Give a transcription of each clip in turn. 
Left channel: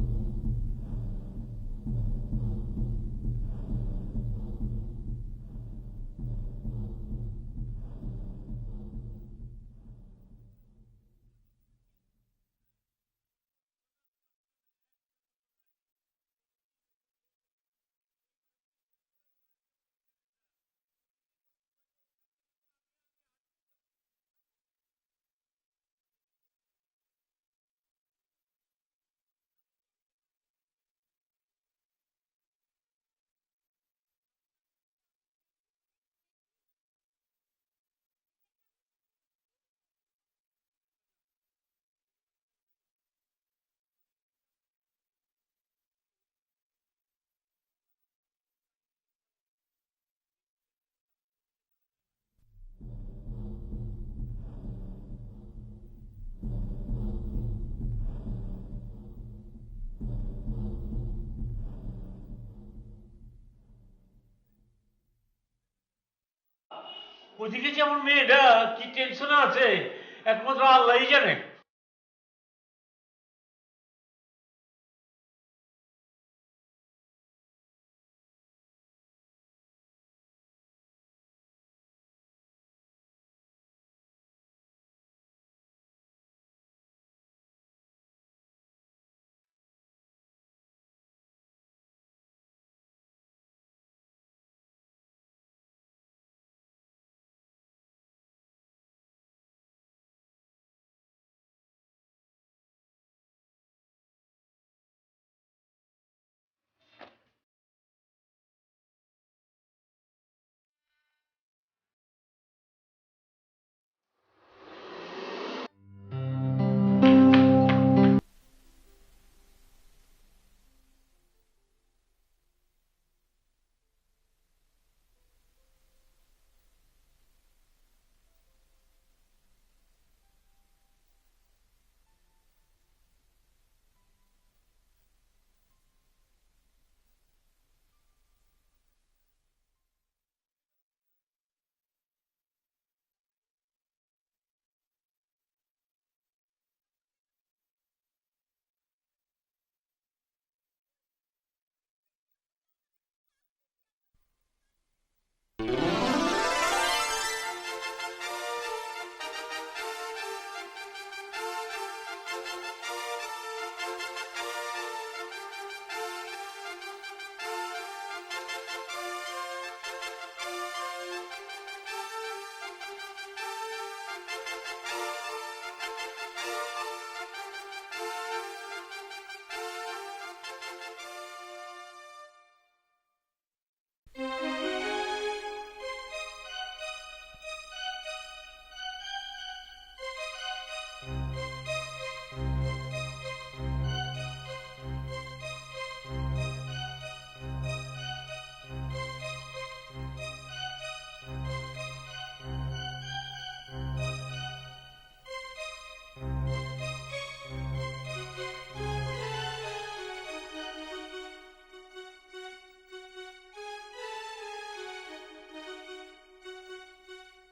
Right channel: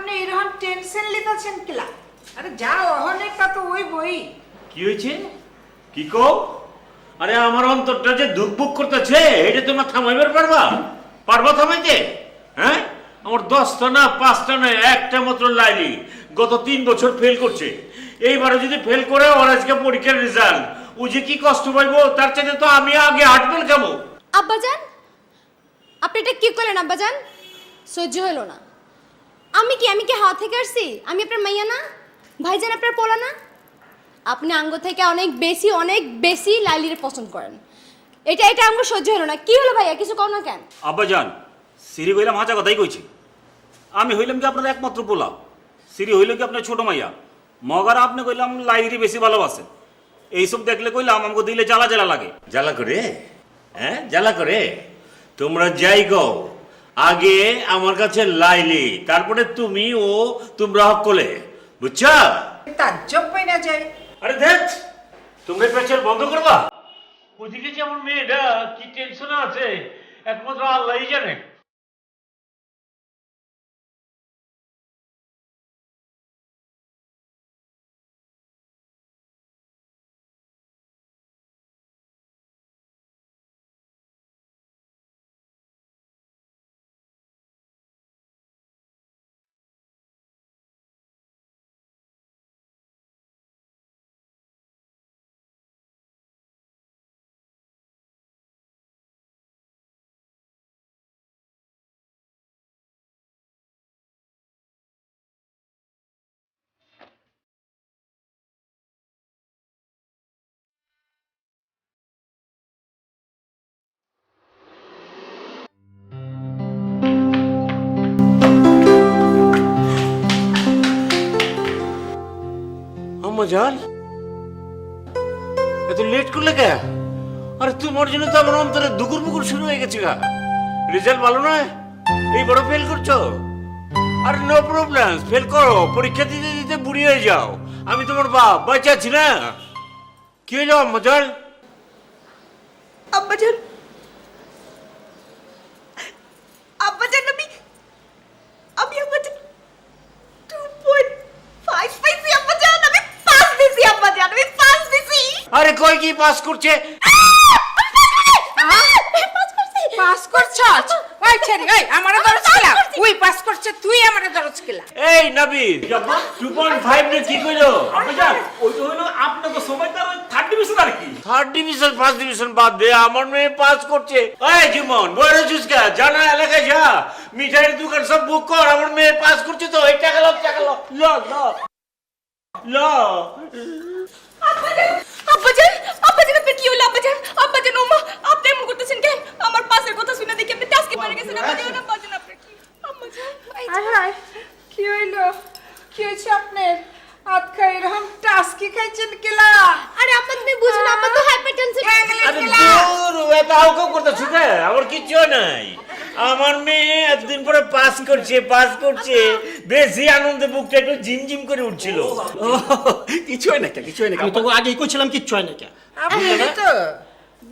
আপনি এরকম টেনশন লিতেছেন কিলা? আরে যাও অনেকটা তো ওই বই। কি হয়েছে? কি কো? আরে আমার অন্তরটা যে দুঃখ করতেছে, এটা তোমরা থামাইবার পারবা? পারবা থামাইতে? হ্যাঁ, আমার 10টা না 5টা না একটা মাত্র লাইলি গত 3 বছর ফেল করছে। এইবারে যদি ফেল করে ওর আজকে পরীক্ষার রেজাল্ট, ও যে কি কষ্ট পাইবো তার চাইতে তো আমি আগে হার্টফেল খাবো। আব্বাজান, আপনি এটা কি করলেন আব্বাজান? সহ্য হলো না। আমি কি হাত থেকে আসছি? আমি আপনার মাইয়া না? ভাইজান আপনার পোলা না? আপনি আঙ্গ থেকে অনেক বেশি লাইলির পছন্দ করেন। এটা আঙ্গ সহ্য হলো না। কি হলো ভাইয়া, কিছু কর না কেন? আব্বাজান, সিরি কইলাম হাঁচা কথাই কইছি। আমি হইলাম কি আপনার একমাত্র পোলা, সিরি হইল কি আপনার ছোট মাইয়া। মগার আপনি কইলাম লাইরি বেশি ভালোবাসে। এইসব দেখলে কইলাম আমাকে দিলে জ্বালা জ্বালা লাগে। জ্বালা করে? হ্যাঁ, জ্বালা করে? তোমরা যাই গো, আগে আমার কাছে লাইলি, তারপরে তুমি ও তোমরা হকলে, বুঝছা? তাজ্জব বই না যায়। আরে দেখ, তোমরা প্রেসার বন্ধ করবা। ওদিকে যে আমার মেয়েটা কি টেনশনে আছে একমাত্র আল্লাহই জানে। মজাল এত লেট করলে কে? আরে তোমার জন্য তো আমার অন্তরে দুকুর বুকুর শুরু হয়ে গেছে গা। রেজাল্ট ভালো নয়, এই বড় ফেল করছো। আরে নো প্রবলেম, ফেল করো, পরীক্ষা দিতে দিতে বুড়ি হয়ে যাও। আমি তোমার বাপ, বাচ্চা আছি না। কি হইলো মজাল? আব্বাজান, আব্বাজান, আমি আব্বাজান 2.5 পাইছি আব্বাজান। আমি 5 দিছি আব্বাজান, আমি 5 দিছি। আরে কই কি পাস করছে? পাস করছস? ওই ছেড়ি, ওই আমারে দরজ খেলা। ওই পাস করছে, তুই আমারে দরজ খেলা। এই নবীন 2.5 নে কি কইলো? আব্বাজান, ওই তো হইলো আপনাকে সবাই তো থার্ড ডিভিশন আর কি। থার্ড ডিভিশন ফার্স্ট ডিভিশন বাদ দে, আমার মেয়ে পাস করছে। এই জীবন বড় চুসকা জানা এলাকায় যা, মিঠাইয়ের দোকান সব বুক কর, আমার মেয়ে পাস করছে তো। এই টাকা লো, টাকা লো, লো লো লো। আব্বাজান, আপনার কি হলো আব্বাজান? আব্বাজান, ওমা, আপনি এমন করতেছেন কেন? আমার পাশের কথা শুনে দেখি আপনি টাস্কি মারা গেছেন। আব্বাজান, আপনি আরে কি হইলো? কি হয়েছে আপনার? হাত খাই এরকম টাস্কি খাইছেন কেলা? আরে আপনি বুঝুন, আমার তো হাইপারটেনশন। আরে দূর, এটা আউকাউ করতেছ কে? আমার কিচ্ছু নাই। আমার মেয়ে এতদিন পরে পাস করছে, বেশি আনন্দে বুকটা একটু ঝিমঝিম করে উঠছিল। কিছু হয় না কে, কিছু হয় না। আমি তো আগেই কইছিলাম কিচ্ছু হয় না কে। আপনি তো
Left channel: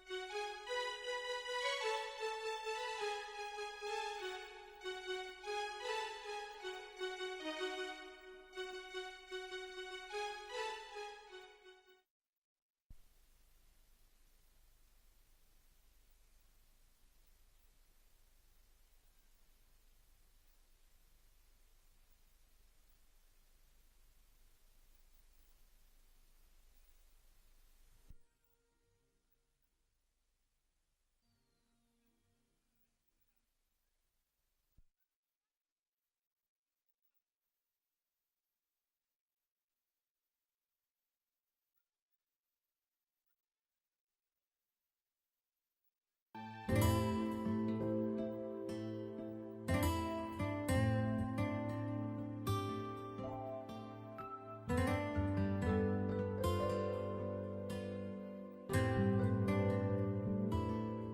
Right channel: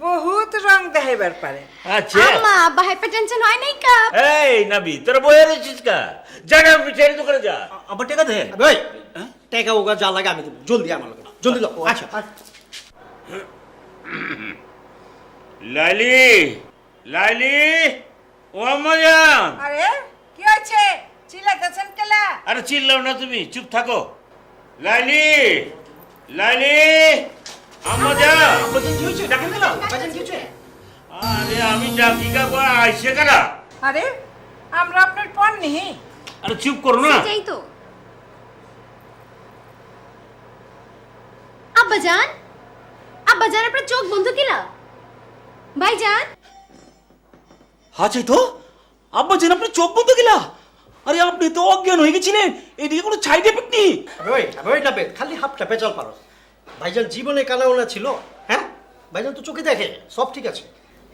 বহুত রং দেখাইবার পারে। আচ্ছা, আম্মা, আব্বা হাইপারটেনশন হয় নাই কা? এই নবী তোরা বয়ে রেছিস কা? জানা মিঠাইয়ের দোকানে যা। আবার টাকা দে। ভাই, টাকা ওগা যা লাগে আমি দেব। জলদি আমার লাগে, জলদি দাও। আচ্ছা। লাইলি, লাইলি, ও মজান। আরে কি হয়েছে? চিল্লাইতেছেন কেলা? আরে চিল্লাও না, তুমি চুপ থাকো। লাইলি, লাইলি, আমজা। আব্বাজান কি হইছে? ডাকেন দিলাম। আব্বাজান কি হইছে? আরে আমি ডাকি কা কই আইছে কারা? আরে আমরা আপনার পর নেই। আরে চুপ করো না। সেটাই তো। আব্বাজান, আব্বাজান, আপনার চোখ বন্ধ কিলা? ভাইজান, হ্যাঁ চাই তো। আব্বাজান আপনার চোখ বন্ধ গেলা? আরে আপনি তো অজ্ঞান হয়ে গেছিলেন, এদিকে কোনো সাইড এফেক্ট নেই। ওই না খালি হাফটা বেজাল পারো। ভাইজান জীবনে কানা ওনা ছিল, হ্যাঁ? ভাইজান তো চোখে দেখে, সব ঠিক আছে।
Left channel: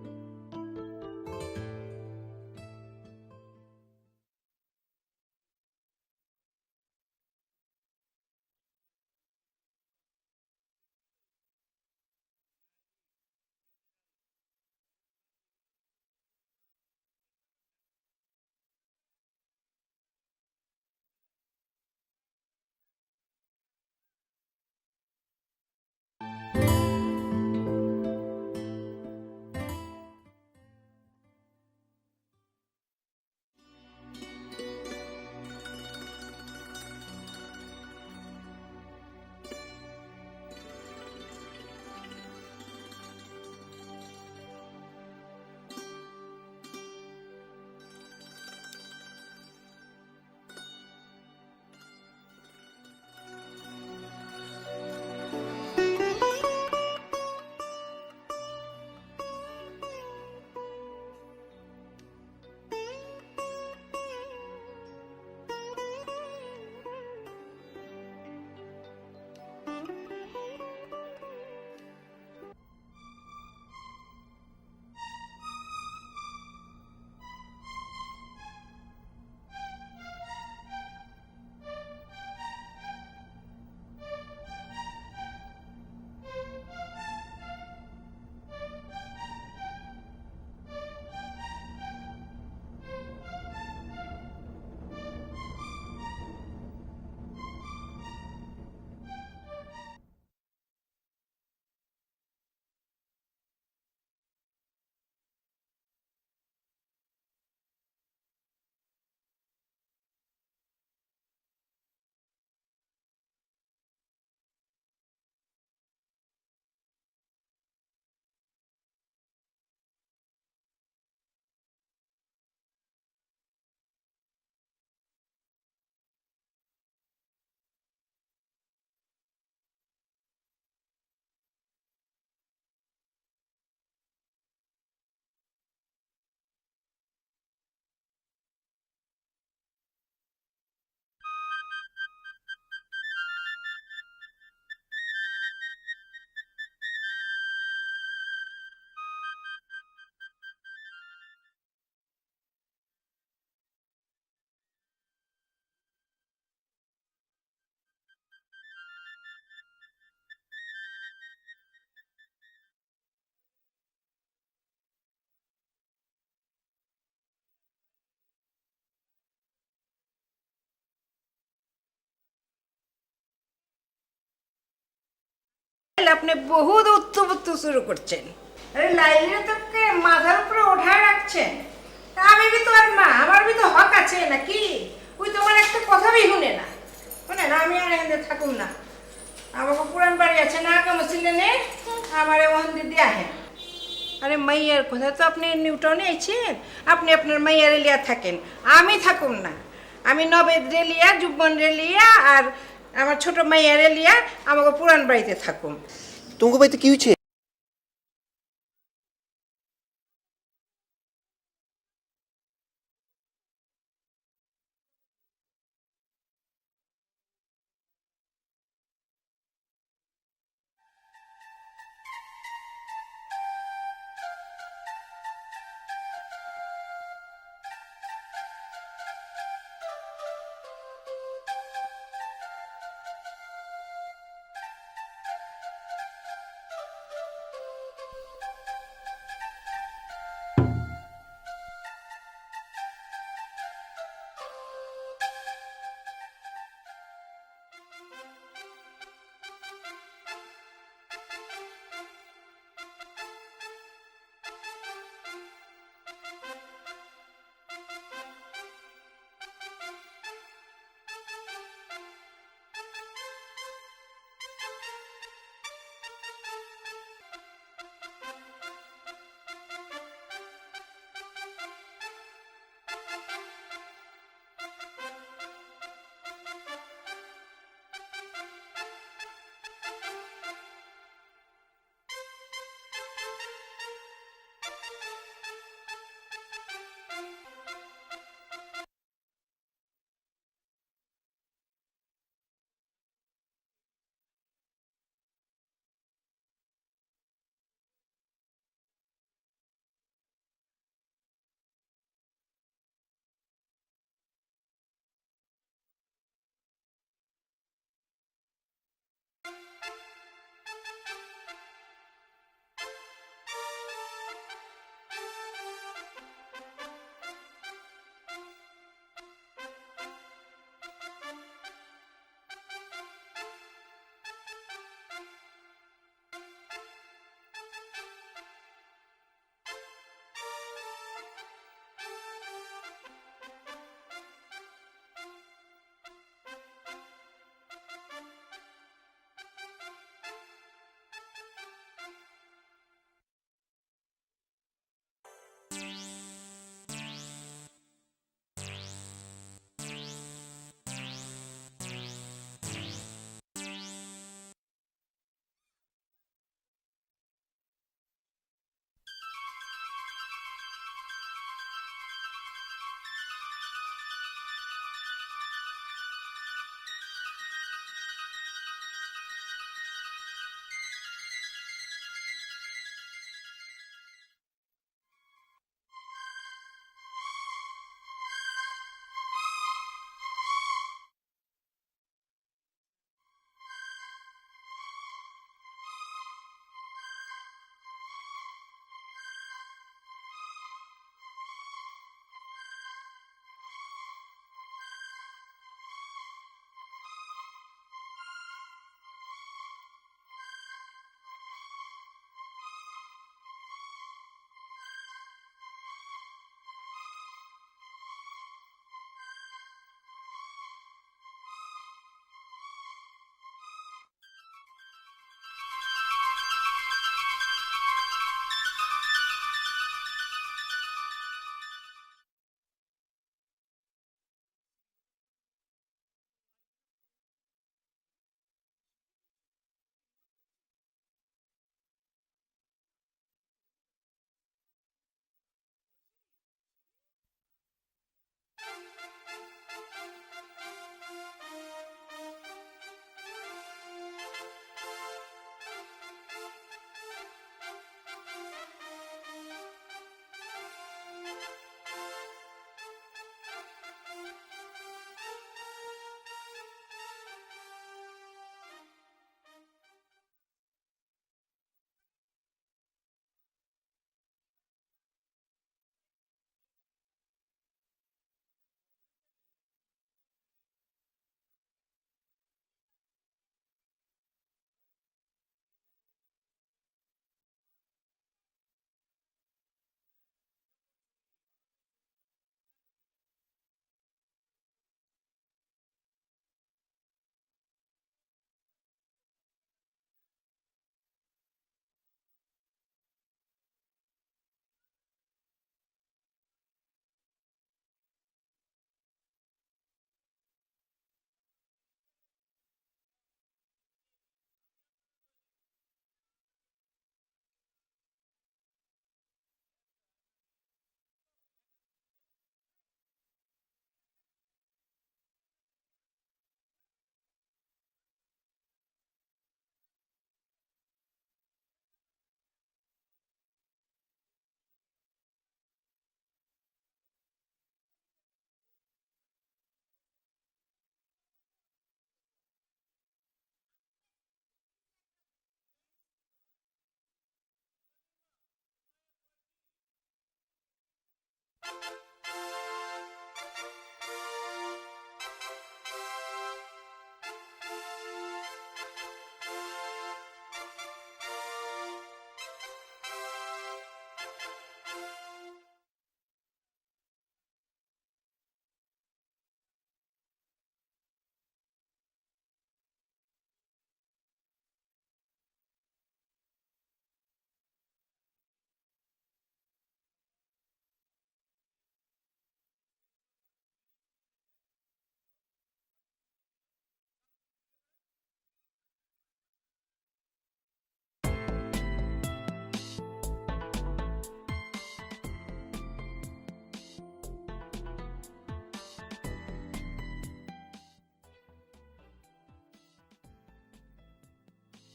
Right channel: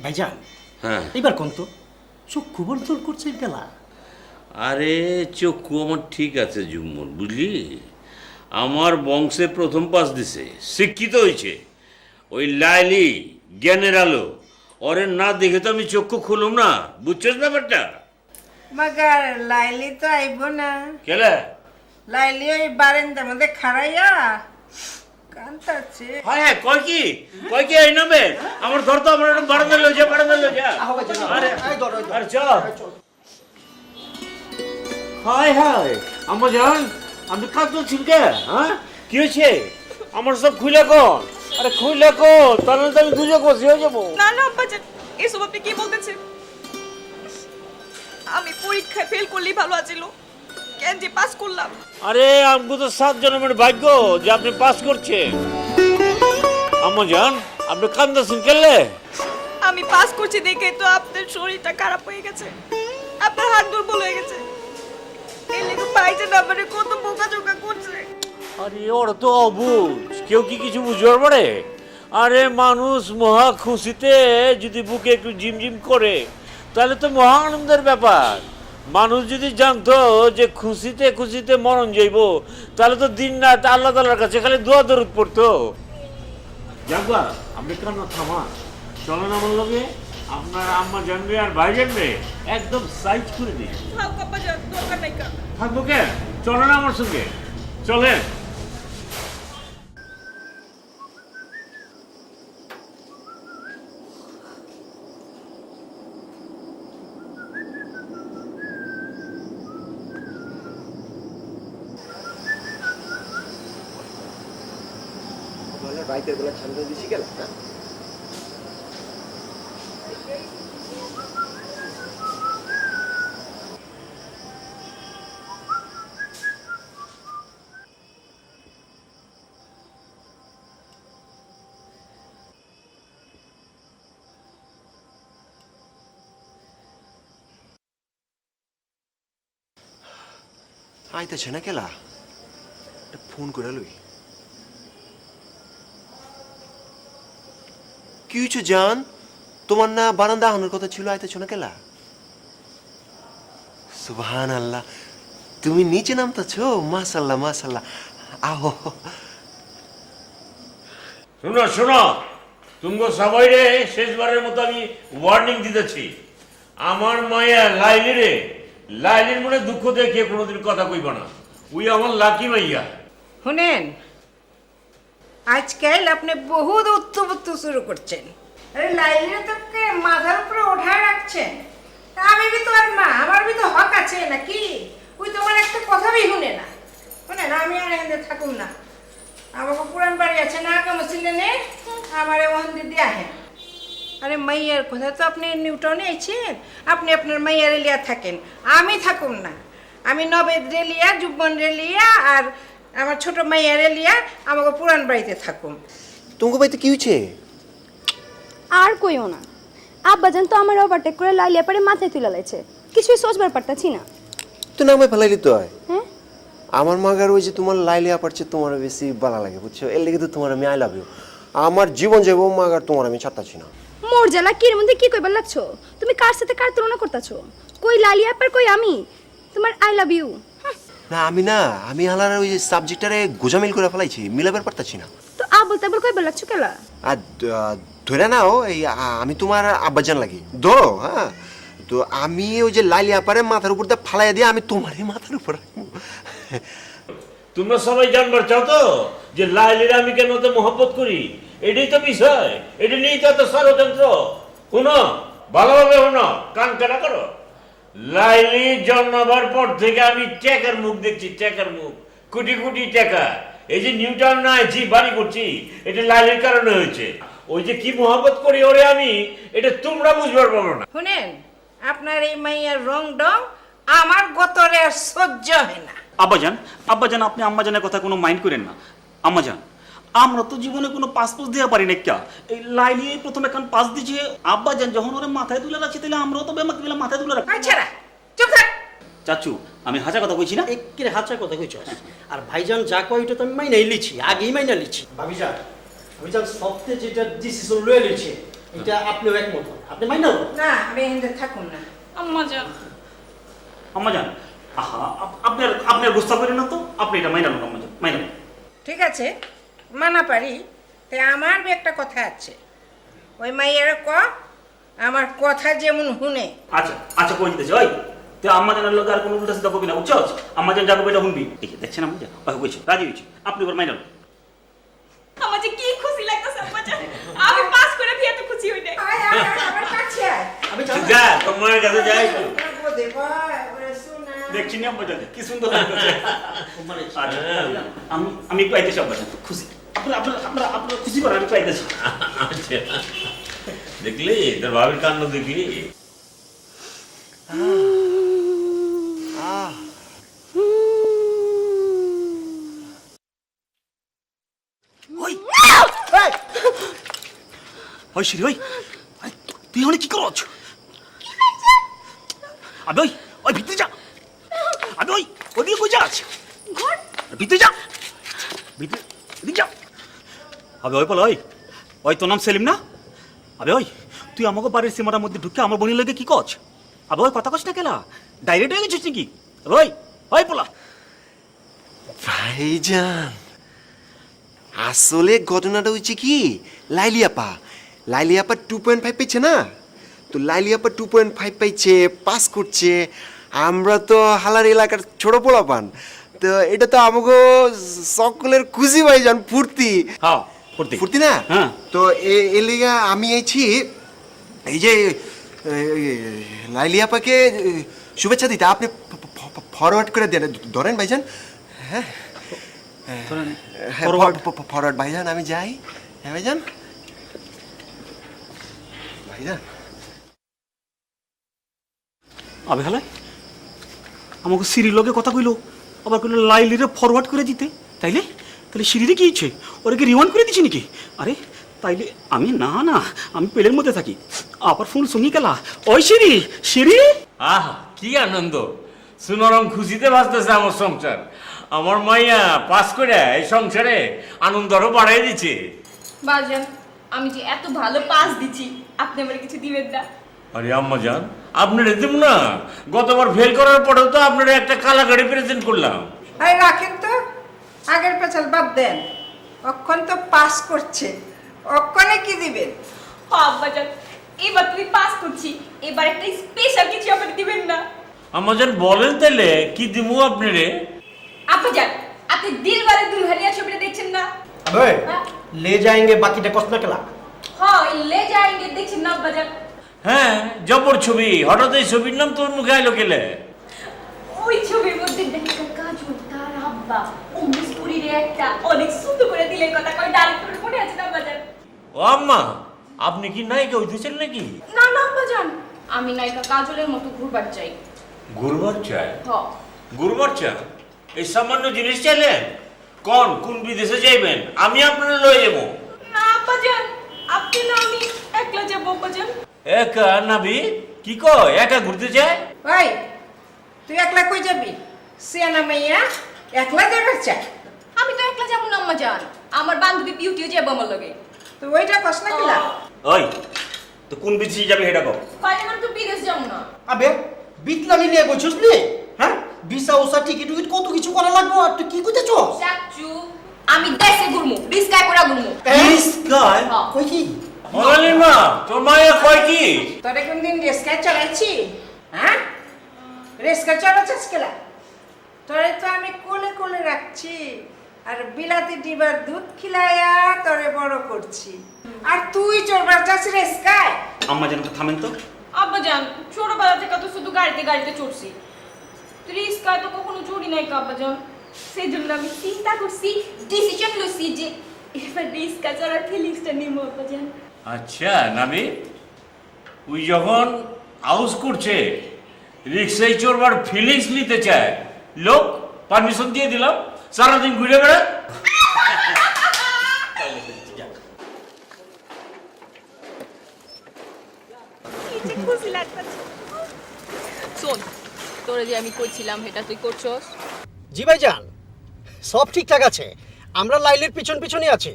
ভাইজান, হ্যাঁ, এবার কোন তো চোখ খুবর তোর করছে গেলা। আরে চক্ষু আমার ঠিক আছে জুম্মন, বুঝলি? আমার বংশে প্রথম পাস দিছে, শিক্ষিত হয়েছে। ওই লাইলি জ্ঞানের আলো, ওরে না দেখে তো আমি চক্ষু খুলুম না, বুঝছিস ব্যাপারটা? মগর লাইলি তো আইব না। কেলে লাইলি ওই বারান্দার মধ্যে খাড়াইয়া কান্তাছে। হ্যাঁ কয় কি এই নামে আমার ঘর তো আমার বারান্দা লয়ে যা আহো ভাইজান আরে এই ধরো আরে চল হায় আমার জান আমি কাঁদছি কে হ্যাঁ কি হয়েছে আমার সব খুলে কর আরে খুলে কর তাহলে তো আমি দুজক বসে হয়ে যাবো না না আব্বাজান এসব আপনি কি বলতেছেন? আমি পরীক্ষায় ফেল করলেই ভালো আছিল, কেন যে পাস করলাম। আরে আমগো তো 7 জন্মের ভাগ্য যে আপনি পাস করছেন আম্মা জান আপনি কান্দাছেন কেলে আমি পাস করছি দেখে তো আপনার শরীরটা খারাপ হয়ে গেছে, আপনার হাত দুর্বল হয়ে গেছে। এই লেগে ভাইজান আমারে কত বোকাঝোকা করছে। আরে ওরা তো অবুঝ কেউ কি কিছু বুঝবার পারে আরে মানুষ মহা খুশিতে যদি বুকে একটু ঝিমঝিম করে তাহলে তো মহা আনন্দের ব্যাপার মানুষ যদি জানতো যে খুশিতে খুশিতে মরণ যাইব তাহলে তো দিন রাত আল্লাহ তাআলার কাছে খালি দোয়া দরুদ পড়তো যাবা আপনি কেন থামা চলেন আমার লগে আপনার আম্মা জানবে আর ভাই জানবে একদম সাইজ করে দিই থাক আব্বাজান, দরকার নাই কা। থাকবো কে চলেন আমার সঙ্গে চলেন রাইতের বেলা ঠান্ডা বেশি গেল না আইতেছে না কেলা ফোন করে লই কি হয়েছে জান তোমার না বারান্দা আনার কথা ছিল আইতেছো না কেলা সুবহান আল্লাহ তুমি নিচে নামতেছো মাশাল্লাহ মাশাল্লাহ আহো শোনো তুমগো সবাই রে শেষবারের মতো আমি ওয়ার্নিং দিতেছি আমার মায়া লাইলির মনে দুঃখ দেখে কোনোদিন কথা কইব না উই আমার লাকি মাইয়া শুনেন আজকাল আপনি বহুত উত্তপুত্ত শুরু করছেন। আরে লাইলিরে তো মাথার উপরে ওঠায় রাখছেন। তা আমি বি তো আর মা, আমার বি তো হক আছে নাকি? ওই তোমার একটা কথা বি শুনে না। শুনেন আমি আর এখানে থাকুম না। আমাকে পুরান বাড়ি আছে না কামছিলে নে আমারে ওখান দিয়ে আহেন। আরে মাইয়ার কথা তো আপনি নিউটনে আইছেন, আপনি আপনার মাইয়ার লিয়া থাকেন, আমি থাকুম না। আমি নবেদ রেলিয়া যুবন রেলিয়া আর আমার ছোট মাইয়ার লিয়া আমাকে পুরান বাড়িতে থাকুম। তোমাকে বাড়িতে কি হয়েছে আর কইও না আব্বাজান তো আমার ওভারটেক করে লাইলিয়া পারে মাথায় তুলে লাইছে, কিছুই সোচবার পারতাছি না। তো নামে ফেলাইলি তো হয় হ্যাঁ আমার মাগার ওই যে তোমার লাইলিয়া পারছে তোমার বেশি ভালো লাগে বুঝছো এর লেগে তো তোমার আমি আই লাভ ইউ আমার জীবন যাব মাগার তোমার আমি ছাড়তাছি না মোর জ্বালা কির মধ্যে কি কইবার লাগছো? তুমি কার সাথে কার তুলনা করতাছো? কই লালিয়া পার কই আমি তোমার আই লাভ ইউ। না আমি হালার ওই যে সাবজেক্টটারে গোজামিল করে ফেলাইছি মিলাবার পারতাছি না তো আবল তাবল কইবার লাগছো কেলা? আর ধরে নাও এই আমি তোমার আব্বাজান লাগি ধরো হ্যাঁ তো আমি ওই যে লাইলিয়া পারে মাথার উপর দিয়ে ফালাই দিয়ে আমি তোমারই মাথার উপর তোমরা সবাই জানবার চাও তো যে লাইলির আমি কেন তো মহব্বত করি এটাই তো বিষয় এটা নিয়েই তো এত ষড়যন্ত্র শুনো ভালোভাবে শুনো কান কাটা করো লাইলি জন্মাবার পর থেকে আমি টাকার মুখ দেখছি টাকার মুখ কোটি কোটি টাকা এই যে নিউটাউন না জি বাড়ি করছি এটা লাইলির কারণে হয়েছে ওই যে কি মহব্বত করি ওরে আমি এটা তোমরা বুঝবার পারো না শুনেন আপনার এই মাইয়ার রং ডং আমার গতরে আর সহ্য হয় না। আব্বাজান আপনি আম্মাজানের কথা কোনো মাইন্ড করেন না। আম্মাজান আমরা তো জীবনে কোনো পাস দিয়ে পারি না কে এই লাইলি প্রথমে কান পাস দিছে আব্বাজান যখন ওরে মাথায় তুলে রাখছে তাহলে আমরাও তো বেমাক মিলে মাথায় তুলে রাখি। আচ্ছা চুপ থাক। চাচু আমি হাজা কথা কইছি না একের হাঁচা কথা কইছ আর ভাইজান যা কয় ওইটা তো আমি মাইনাই লিছি আগেই মাইনা লিছি ভাবিজান ভাবিজান সবতে যেটা ডিসিশন লয়ে লিছি এটা আপনিও একমত হন। আপনি মাইনা লন না আমি এখানে থাকুম না। আম্মাজান আম্মাজান আহা আপনার গুস্তা করেন না তো আপনি এটা মাইনা লন আম্মাজান মাইনা লন। ঠিক আছে মানা পারি তাই আমার বি একটা কথা আছে ওই মাইয়ারে ক আমার কথা যেমন শুনে। আচ্ছা কই দিতেছি ওই তুই আম্মাজানের লোক আর কোনো উল্টা সিধা করবি না, বুঝছো? আম্মাজান যাকে এটা শুনবি। এই যে দেখছেন আম্মাজান, ওই কইছে রাজি হয়েছে, আপনি এবার মাইনাল। আমার যে কি খুশি লাগতেছে আব্বাজান, আমি পাস করে বিয়ে তো খুশি হই নাই। আয় আয় আয়, আমার কাছে আয়। আমি যাবো। যা তোমার কাছে যাই তো। বোধে ভাই, ওরে শোনা। দেখছি নি আম্মাজান কি সুন্দর লাগতেছে। মানে আমি একটু আইতেছি আব্বাজান, খুশি। আপনারা খুশি করেন, আমি একটু আইতেছি। আচ্ছা। দেখলি তোর ভাবির কাণ্ড দেখলি? ওই ওই শিরি ওই, আরে, তুই এখানে কি করছ? আবে ওই ওই ভিতরে যা, আবে ওই ওদিকে কই যাস? ভিতরে যা, ভিতরে যা। আবে ওই বল, ওই ওই তোর নাম সেলিম না? আবে ওই তুই আমাকে বাড়ির সীমাটার মধ্যে ঢুকে আমার বোনের লাগে কি করছ? আবে ওই কথা কস না কেলা, ডাইরেক্ট হয়ে গেছিস নাকি? আবে ওই ওই বলা। ভাইজান আসলে ঘটনাটা হচ্ছে কি, লাইলি আপা 2.5 পেয়েছে না, তো লাইলি আপা 2.5 পাইছে, পাস করছে। আমরা তো হালার এলাকার ছোট পোলাপান, তো এটা তো আমাকে সকলের খুশি ভাইজান, ফুর্তি হ্যাঁ ফুর্তি ফুর্তি না। হ্যাঁ। তো এর লিগা আমি আইছি এই যে লাইলি আপাকে শুভেচ্ছা দিতে। আপনি ফরওয়ার্ড করে দেন, ধরেন ভাইজান। হ্যাঁ Forward. ফরওয়ার্ড ভাইজান, আমি যাই। হ্যাঁ ভাইজান, ভাইজান আবে হালাই আমাকে সিঁড়ির লগে কথা কইলো, আবার কইলো লাইলিরে ফরওয়ার্ড করে দিতে। তাইলে তাহলে সিঁড়িরে কি ইচ্ছে, ওরা কি রিওয়ান্ড করে দিচ্ছে নাকি? আরে তাইলে আমি না না, আমি পেলের মধ্যে থাকি। আবার ফোন শুনি গেলা, ওই সিঁড়ি সিঁড়ি। আহ কি আনন্দ, সুনরম খুশিতে বাঁচতেছে আমার সংসার। আমার মাইয়া পাস করে এই সংসারে আনন্দ আরো বাড়াই দিচ্ছে। বাজান, আমি যে এত ভালো পাস দিছি, আপনি আমার কিছু দিবেন না? আরে আম্মা জান, আপনার দেব না, গতবার ফেল করার পরেও তো আপনারা একটা কালা গাড়ি প্রেজেন্ট করলাম। আরে রাখেন তো, আগের পেছাল বাদ দেন। অক্ষণ তো পাস করছে, অক্ষণে কি দিবেন? আব্বাজান, এবার তুমি পাস করছি, এবার একটা স্পেশাল কিছু আমাকে দিবেন না? আম্মা জান বলেন তাহলে কি দিমু আপনারে? আব্বাজান, আপনি দিলবারে দুলহানিয়া ছবিটা দেখছেন না? আবে ले जाएंगे বাকিটা কষ্ট না কেলা। হ্যাঁ, লে যাएंगे দেখছেন না আব্বাজান? হ্যাঁ জবর ছবি, হঠাৎ এই ছবির নাম তোর মুখে আইলো কেলে? ওই ছবির মধ্যে দেখা কাজল তার আব্বা ও মিস্তুরির একটা অনেক সুন্দর করে দিলের কথা কই, ডাইরেক্ট করে মনে আছে না আব্বাজান? ও আম্মা, আপনি কি নায়িকা হইতেছেন নাকি? না না আব্বাজান, আমি নায়িকা কাজলের মতো ঘুরবার চাই। গুরুবার চায়? হ্যাঁ। গুরুবার চায়? এই সামান্য জিনিস চাইলেন? কোন বিদেশে যাইবেন? আমি আপনারা লয়ে যাবো। না আব্বাজান, আপনি না আমি একলা যাবো আব্বাজান। একা নাবি কি কয়, একা ঘুরতে যায়? ভাই তুই একলা কই যাবি? সিয়ানা মাইয়া একলা যাবে চাই? আমি তো একলা যাবো না আম্মাজান, আমার বান্ধবী বিউটিও যাবো আমার লগে। তো ওইটা কস না কিলা? ওই তো কোন বিদেশে যাবে সেটা কও। বাইরে মানে তো বিদেশ যাবো না। আবে বিতলামি নিয়ে বলছিস নি? হ্যাঁ ভিসা ওসা টিকিট উইট কত কিছু করা লাগবে, আর তুই কি কইতেছ? চাচু, আমি দেশে ঘুরমু, রিস্কায় করে ঘুরমু। গায় হ্যাঁ। কই কি? মনালিমা, তোর মায়া কয় কি? তোরে কোনদিন রেস্কায় চালাইছি? হ্যাঁ রেস্কা চালাচ্ছিস কেলা? তোরে তো আমি কোলে কোলে রাখছি, আর বিলাতি ডিবার দুধ খিলাইয়া তোরে বড় করছি, আর তুই চড়বার যাচ্ছিস রেস্কায়? আম্মা যেন থামেন তো। আব্বাজান, ছোটবেলা থেকে তো শুধু গাড়িতে চড়ছি, রিস্কায় তো কখনো চড়ি নাই আব্বাজান। সেই জন্য আমি চিন্তা করছি, ডিসিশন লইছি যে এবার রিস্কা চড়ার ফিলিংসটা নিব আব্বাজান। আচ্ছা নাবি, ওই যখন আউস করছে রিক্সায় চড়বার ফিলিংস নিতে চায়, লোক পারমিশন দিয়ে দিলাম, সারাদিন ঘুরে বেড়া। খুশি লাগতাছে। শোন, তোরে যে আমি কইছিলাম এটা তুই করছস? জি ভাইজান সব ঠিকঠাক আছে, আমরা লাইলের পিছনে আছি।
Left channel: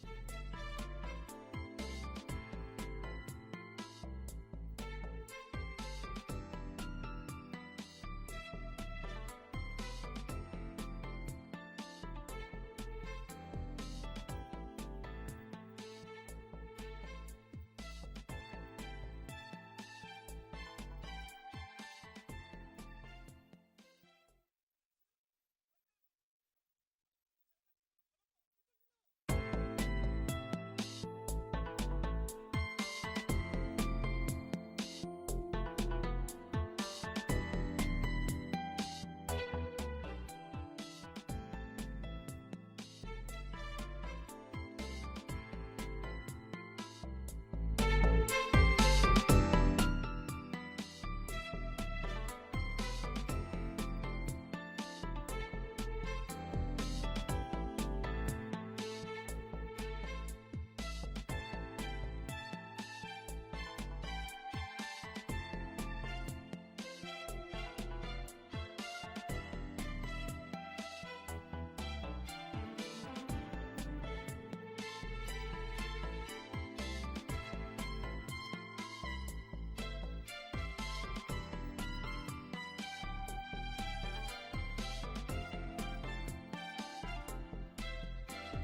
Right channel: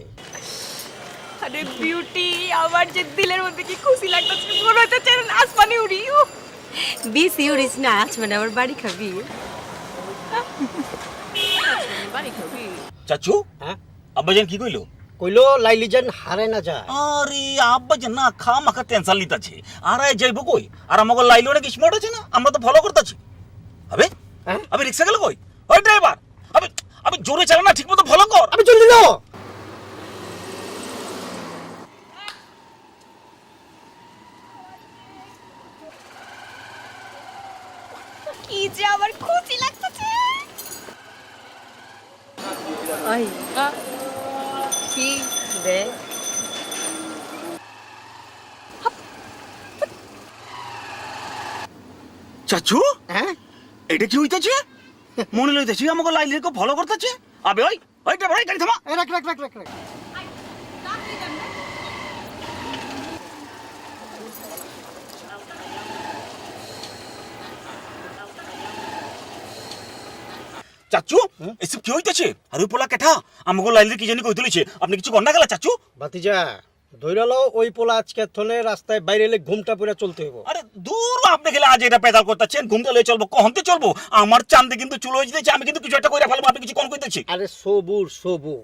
আরে বিউটি, আমার যে দিলের মধ্যে কি খুশি লাগতাছে, মনে হচ্ছে আসমানে উড়ি। বিসি উড়িস না, মানে আমার বাড়ি খাবি। বাড়ি খাবি? চাচু হ্যাঁ আব্বাজান কি কইলো? কইলো লাইলি যেন হারে না যায়। আরে আব্বাজান না, খামাখা টেনশন লিতাছে। আর যাইবো কই? আর আমাকে লাইলো নাকি স্মার্ট আছে না, আমরা তো ফলো করতেছি। আবে হ্যাঁ? আমি রিক্সা গেল কই ওই ড্রাইভার আমি আমি জোরে চালা না ঠিকমতো ফলো কর আমি চল দিল কি যে আমার খুশি লাগতেছে। Ay. Sí, ve. চাচু হ্যাঁ এটা কি হইতাছে মনে লইতেছি আমাকে লাইলের কো ফলো করতেছে আবে ওই ওই ড্রাইভার গাড়ি থামা রাখ রাখ রাখ রাখ রাখ চাচু এসব কি হইতাছে আর ওই পোলা কেঠা আমাকে লাইলের কি জানি কই তুলিছে আপনি কিছু গন্ডা গেলা চাচু ভাতিজা ধইরালো ওই পোলা আজকে থলে রাস্তায় বাইরে এলে ঘুমটা পুরা চলতে হইব আরে দূর আপনি গেলে আজ এটা পেদাল করতেছেন ঘুমটা লয়ে চলবো কহনতে চলবো আমার চান্দে কিন্তু চুল হয়ে যেতেছে আমি কিন্তু কিছু একটা কইরা ফেলবো আপনি কিছু কোন কইতেছি আরে সবুর সবুর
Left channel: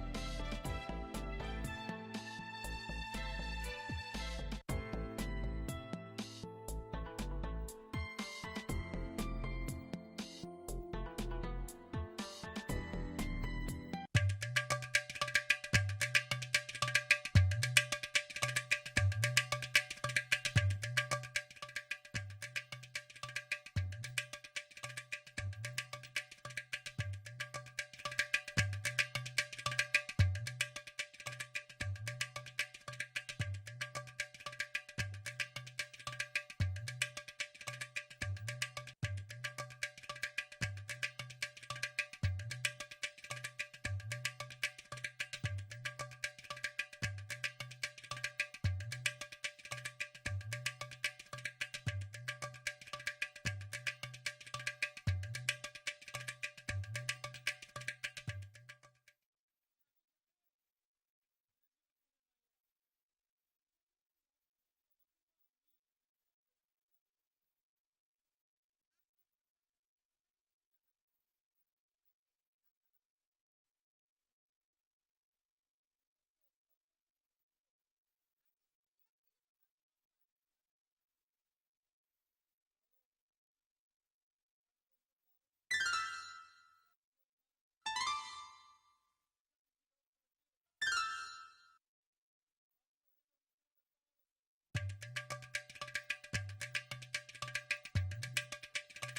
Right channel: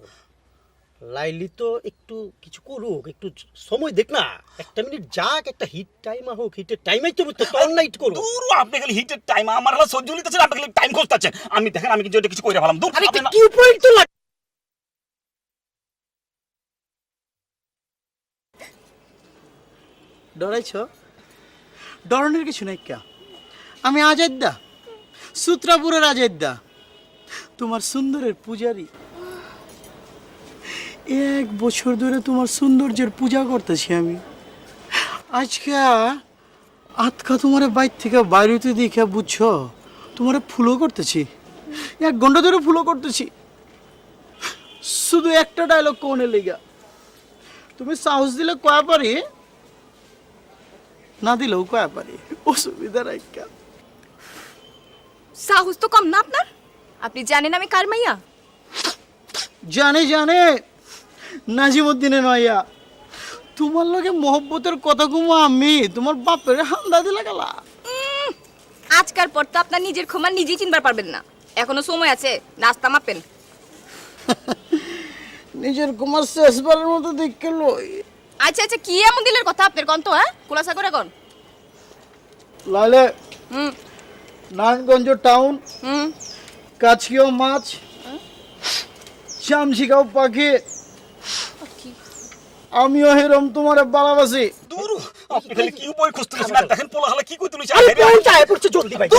লাইলি তো একটু কিছু করুক একটু সময় দেখ না একটা মিনিট যাক একটা হিট টাইম হোক হিটের টাইমই তো বুঝতে তোর নাইট করো দূর আপনি গেলে হিটের টাইম আমার হলো সহ্য হইতেছে আপনি গেলে টাইম করতেছেন আমি দেখেন আমি কিছু একটা কিছু কইরা ফেলাম দূর আরে আপনি না- কি পয়েন্ট তো লাগ ডরাইছ ডরনের কিছু নাই কা আমি আজাদ্দা সূত্রাপুরের আজাদ্দা তোমার সুন্দরের পূজারি 1 বছর ধরে তোমার সৌন্দর্যের পূজা করতেছি আমি আজকে আজকা তোমার বাইর থেকে বাইরেতে দেখে বুঝছো তোমার ফুলো করতেছি 1 ঘন্টা ধরে ফুলো করতেছি শুধু একটা ডায়লগ কোনে লেগা তুমি সাহস দিলে কয়া পারি না দিলেও কয়া পারি অসুবিধা রাখা সাহস তো কম না আপনার? আপনি জানেন আমি কার মাইয়া? জানে জানে নাজিমুদ্দিনে নয়া তোমার লগে মোহব্বতের কথা কুমা আমি তোমার বাপের হান্দা দিলা গেলা আজকাল পর তো আপনার নিজের ক্ষমা নিজেই চিনবার পারবেন না। এখনো সময় আছে, নাস্তা মাপেন। নিজের কুমার শেষবারের মতো দেখে লই আচ্ছা আচ্ছা, কি এমন দিলের কথা আপনার কন তো, হ্যাঁ? খোলাসা করে কন। লালে হুম নারায়ণগঞ্জ টাউন হুম কাছিও মাছ চামচিকাও পাখি আমিও হেরম তোমার ভালোবাসি দূর আপনি খালি কি উপায় খুঁজতেছেন আর দেখেন পোলা হলে কি কই তুলিছে আরে কোন চায় পড়ছে জলদি ভাই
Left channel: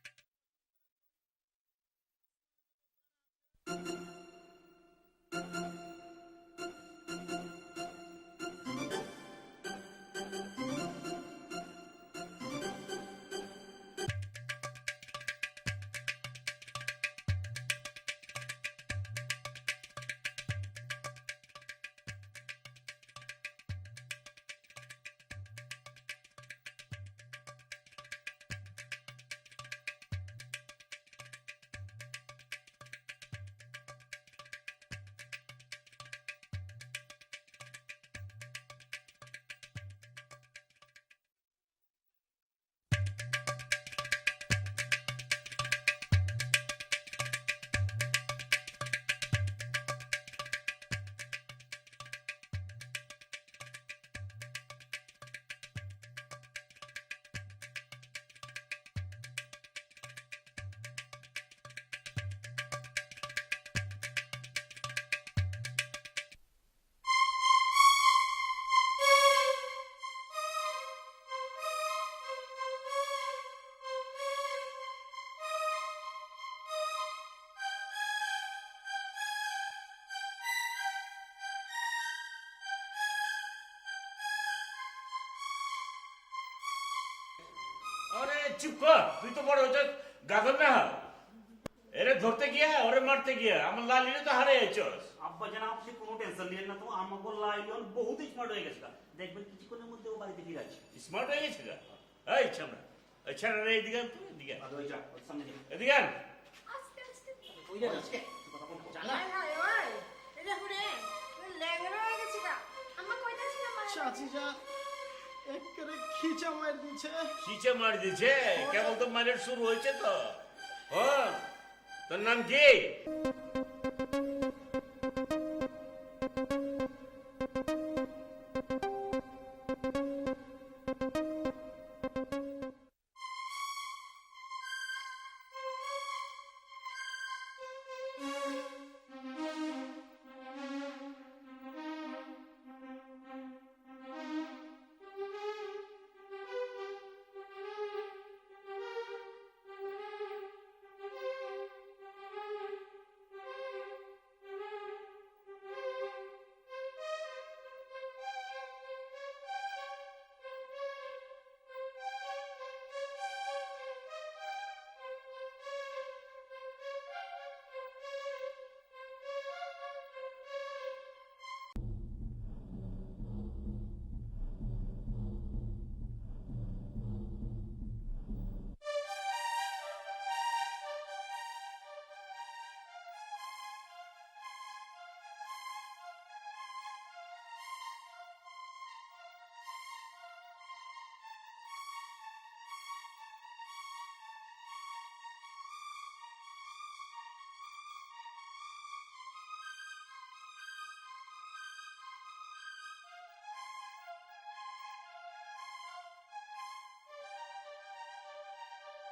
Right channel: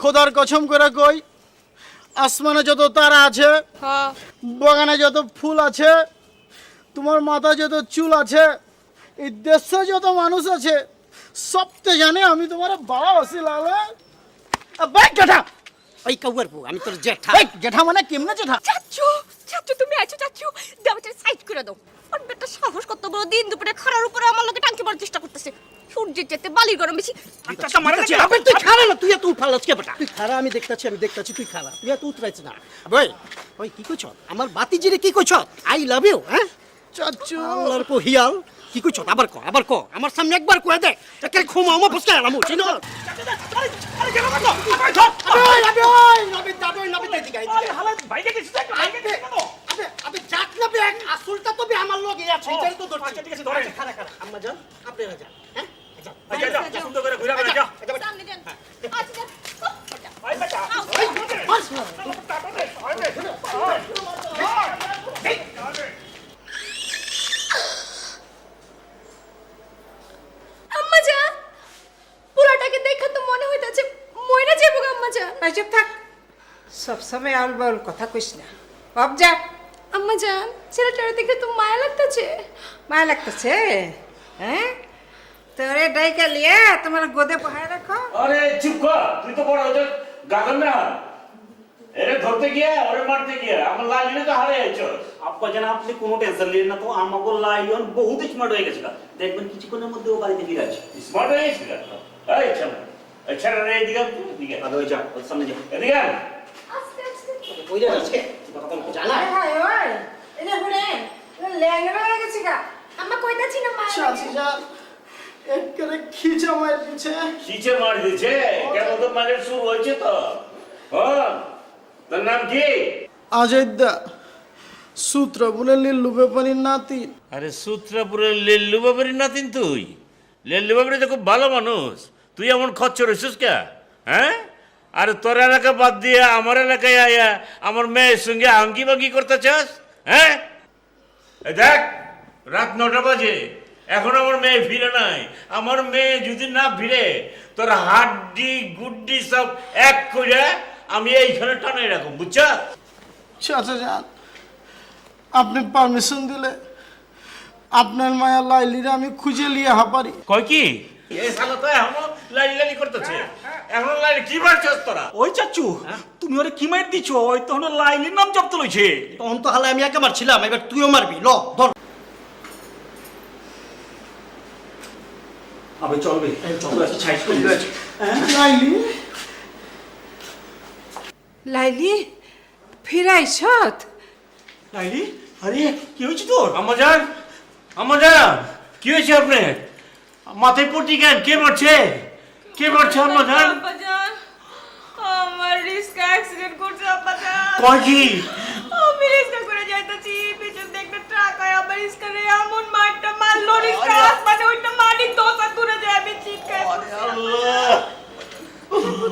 খোদার কসম করে কই আসমানে যত তারা আছে হ্যাঁ বাগানে যত ফুল আছে তোমার মাথা যত চুল আছে এই দেশে যত মানুষ আছে সবতে জানে আমি তোমার ভালোবাসি লালা ভাই জেঠা ওই কাউয়ার বউ আমি তোর জেঠা এই জেঠা মানে কেমনে জেঠা চাচু চাচু তুমি আছো চাচু, দেওয়াটা সাইড করে দাও। আর বেটা সাহস কত বড়, দিন দুপুরে খাড়ার উপরে আমার লগে টাঙ্কি মারার চেষ্টা করতেছে। সূর্যের যেতে বালির গরম বেশি। আচ্ছা মারে না আবে তুই খারা না তুই এত উঠালাস কে বেটা তুই খারা আমি দেখতাছি তুই খারা তুই এত উতরাইছ না ভাই ওই কি কইছ আমার বাতিজিরে কি কইছ আই লাভ ইউ হ্যাঁ চাচু আল্লাহর কো হিয়াল কি কইছ আবার ক আমার সামনে একবার কয়ে দে একে খুমা আমা ফসকা এলাম চিনো আরে কেন করো নবী দিগাই ভাইকে কিছু চাচু ভাইকে কিছু করো আবে যাক না বে আসলটা তো বে আমার লগে আছে এটাই তো ধরছি আচ্ছা ঠিক আছে ধরে খারা আম্মা যান আপনারা যান হ্যাঁ যা যা সুন্দর করে ঘুরে যা সামনে দেন। আচ্ছা ভাই বেটা আম্মা যা পুরাটাকে দেখা তো মনে হইতাছে মইনা যাবো গো আম্মা যা এই চুপ থাক, সবসময় আউল বাউল কথা কইস না। অব যা, আম্মা যা ছেলেটারে দেখে তো মায়া লাগতাছে মায়া লাগতেছে। হ্যাঁ, তোরে ডাইকা লিয়া তোমার গোদে বহায় রাখো। আরে চুপ কর, তুই তো বড় হতে গাগন না। এরে ধরতে গিয়া ওরে মারতে গিয়া আমার লালিনে তো হারিয়ে যাচ্ছস। আব্বা জান আপনি কোনো টেনশন নিন না তো আমাকে লাইলন বহুত স্মার্ট হয়ে গেছে দেখবেন কিছুক্ষণের মধ্যে ও বাড়িতে ফিরে আসে স্মার্ট হয়ে গেছিস এই ছাড়া এই ছাড়া রে এদিকে এদিকে আরে ওই যা ওর সামনে যা এদিকে আস্তে আস্তে ওই রে আজকে কথা বল জানা হায় হায় ওই, এনে হুনে ল্যাংড়া হয়ে গেছে গা। আম্মা কইতাছি না মায়া চাচি যা একবারে খিচা মার দিছে কিছে মার দিছে কেন তো মানে শুরু হয়েছে তো। হ্যাঁ, তোর নাম কি? আজাদ্দা সূত্র বলে লিল্লু ব্যাপারীর নাতি আরে সূত্রাপুরের লেল্লু বাবারি নাতিন তুই। লেল্লু বাবারি তো খুব ভালো মানুষ, তুই এমন খচ্চর হইছিস কে? হ্যাঁ? আর তোর এলাকা বাদ দিয়ে আমার এলাকায় আয়া আমার মেয়ের সঙ্গে আঙ্কি বাঙ্কি করতে চাস? হ্যাঁ, এই দেখ, রাত 9টা বাজে, এখন আমার মেয়ে ফিরে নাই। আমার মেয়ে যদি না ফিরে, তোর হাড্ডি গুড্ডি সব এক করে আমি এইখানে টানাই রাখুন, বুঝছা? চাচা যান, আপনি পারমিশন দিলে আপনার মায়া লাইলিরা আমি খুঁজে লিয়ে পারি। কয় কি এই শালা তো এখনো লাইলি লাইলি করতেছে, এখন লাইলি কি মারছস তোরা? ওই চাচু তুমি ওরে কি মার দিছো? ওই তখন লাইলির নাম জব্দ লইছে। তখন তো হালে আমি একে মারছিলাম, এবার তুইও মারবি, ল ধর। আবে চলবে, চল ছাই করে লাইলি, লাইলি ফিরাইছত? লাইলি, আরে কি হয়েছে তোর? আমাজান, কি হয়েছে আপনার? মাথায় পট্টি কেন? কে মারছে? কে মারছে আমাজান? আব্বাজান, আমার রিস্কা অ্যাক্সিডেন্ট করছে আব্বাজান। কয় কি? আমি রিস্কা করে যাইতাছি, পিছন থেকে একটা ট্রাক আয় আমার রিস্কারে এমন মারটা মারলো, রিস্কা আসমানে ওইটা মারি দোসা দূরে যায়, আমি চিৎকার করছি। আল্লাহ,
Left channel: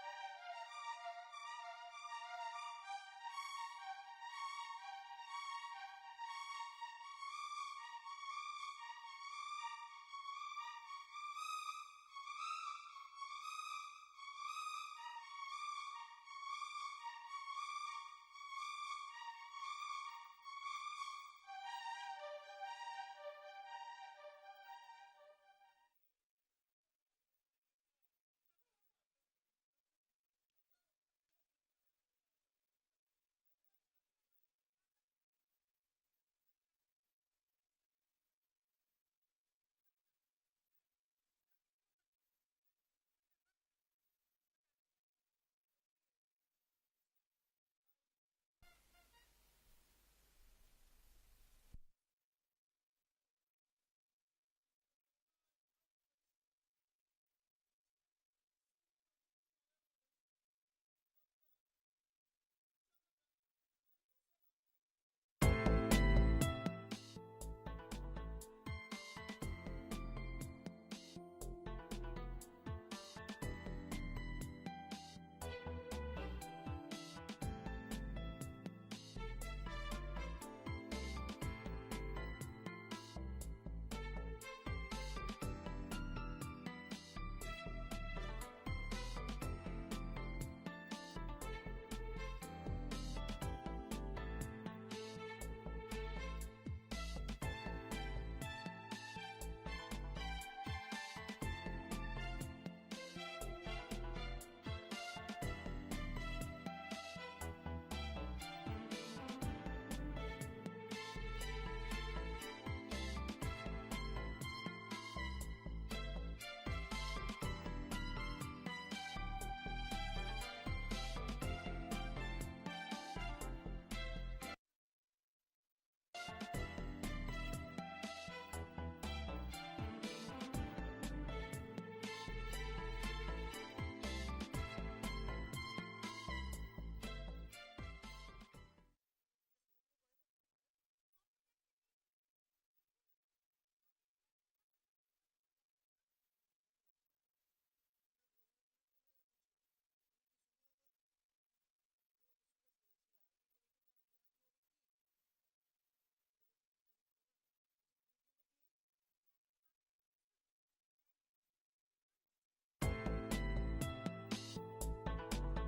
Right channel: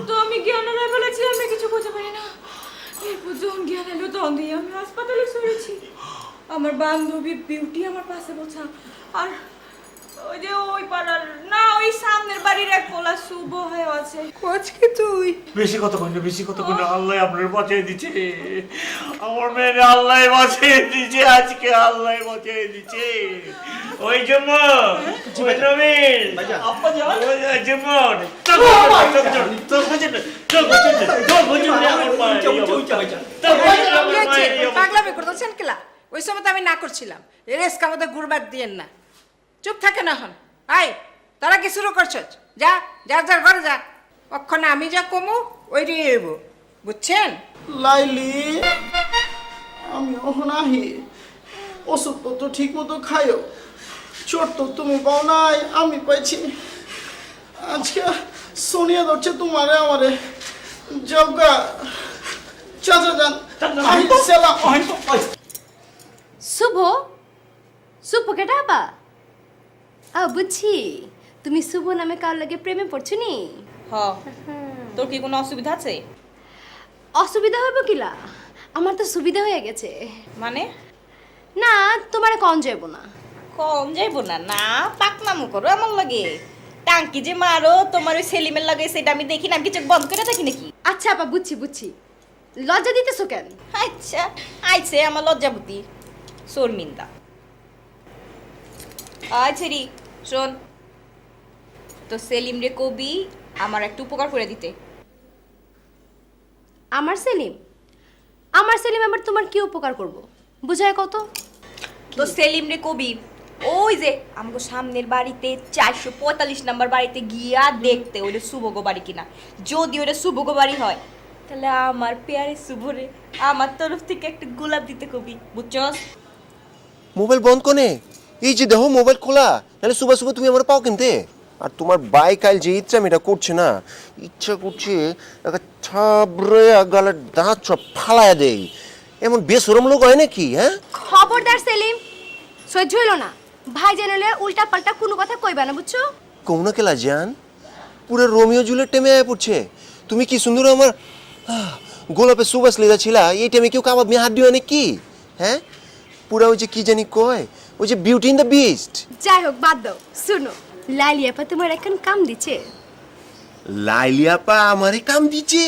তো আমি জ্ঞান হারাই ফেলেছি, আমি কিছু বুঝতে পারি না। এরপর যখন জ্ঞান এলো তখন দিয়ে আমি হাসপাতালে সরেছি। আমার বান্ধবী বিউটি আমার পাশে বসা, আর ওই যে ওই পাড়ার না ওই সামনের বাড়ির এক পোলা শুভ হয়ে আছে। কোচ কি তুই? বেশি কথা কই না, বেশি কথা কই না। আল্লাহ আপনার বাঁচিয়ে দিচ্ছে, আমার মেয়ের আল্লাহ বাঁচিয়ে দিচ্ছে, আজকে আল্লাহ বাঁচিয়ে দিচ্ছে। ওই যেমন ওই নবীন আব্বাজান, ওই যেমন পাগলামি করতেছেন কেলা? ওই সময় তো আমি না করছিলাম। রেস্কা মধ্যে গুড়বাদ দিয়েন না, চুপ থাকে না হন। আই তারা কি শুরু করছ? যা যা যা ঘরে যা, অক্ষণে আমি যা কমু ওই দিয়ে এবো, বুঝছেন? লাইলি, আমি ওখানে আহি, ওষুধ তো ঠিক মতো খাইও। চোট তো তুমি পাও নাই, আমি পাইছি। আজকে সোনিয়া ধরছে তোমারে আমারে। জগা চাচা যান, আমি সেলাম। শুভ, শুভ কেটা আপা? বুঝছি, তুমি শুভ নামে কার লাগে প্রেমে পড়ছো নি? তোর কি কোনো অসুবিধা আছে? অসুবিধা হবে কিলা? আমার তো সুবিধা হয়ে গেছে। মানে না, তোমার কম যাইব না। কম যাইব না? না পাকনামো করো এমন লাগে, টাঙ্কি যে মারো তোমার ওই সেলিমের লাগে সেটা আমি দেখি না, আমি কিছু বন্ধ করে দেখি নাকি? আচ্ছা আপা, বুঝছি বুঝছি, লজ্জা দিতেছো কেন? আচ্ছা আইছে আমার লজ্জাবতী শর্মিন্দা। আচ্ছা রি শোন, তো সেলিম রে কবি আমার একটু উপকার করে দিতে। আমার সেলিম? আমার সেলিম আবার তোমার কি উপকার করব? বুঝায় কত? তো সেলিম রে কবি ওই যে আমগো সামনের বাড়িতে 445 নাম্বার বাড়িতে গিয়া দেখতে ওইটা শুভগো বাড়ি কিনা। যদি ওটা শুভগো বাড়ি হয় তাহলে আমার পেয়ারে শুভরে আমার তরফ থেকে একটা গোলাপ দিতে কবি, বুঝছস? মোবাইল বন্ধ কোনে? এই যে দেখো মোবাইল খোলা, নাহলে সুবা সুবা তুমি আমার পাও কিনতে। আর তোমার বাইক আইল যে ইচ্ছা এটা করছে না, ইচ্ছা করছে একটা ছাবরে গালের দাঁত সব ফালায়া দেই। এমন বেসরম লোক হয় নাকি? হ্যাঁ, খবরদার সেলিম, সহ্য হইল না। ভাই জানালে উল্টা পাল্টা কোনো কথা কইবা না, বুঝছো? কৌনা কেলা জান, পুরো রোমিও জুলিয়েট টেমে আয় পড়ছে। তুমি কি সুন্দর আমার গোলাপে সুবাস লেদা ছিলা, এই টাইমে কেউ কাবাব মেয়ে হাত দিও নাকি? হ্যাঁ, পুরা ওই যে কি জানি কয়, ওই যে বিউটি ইন দ্য বিস্ট। যাই হোক, বাদ দাও। শুনো, লাইলি আপা তোমার এখন কাম দিচ্ছে। লাইলিয়াপা আমারে কাম দিছে?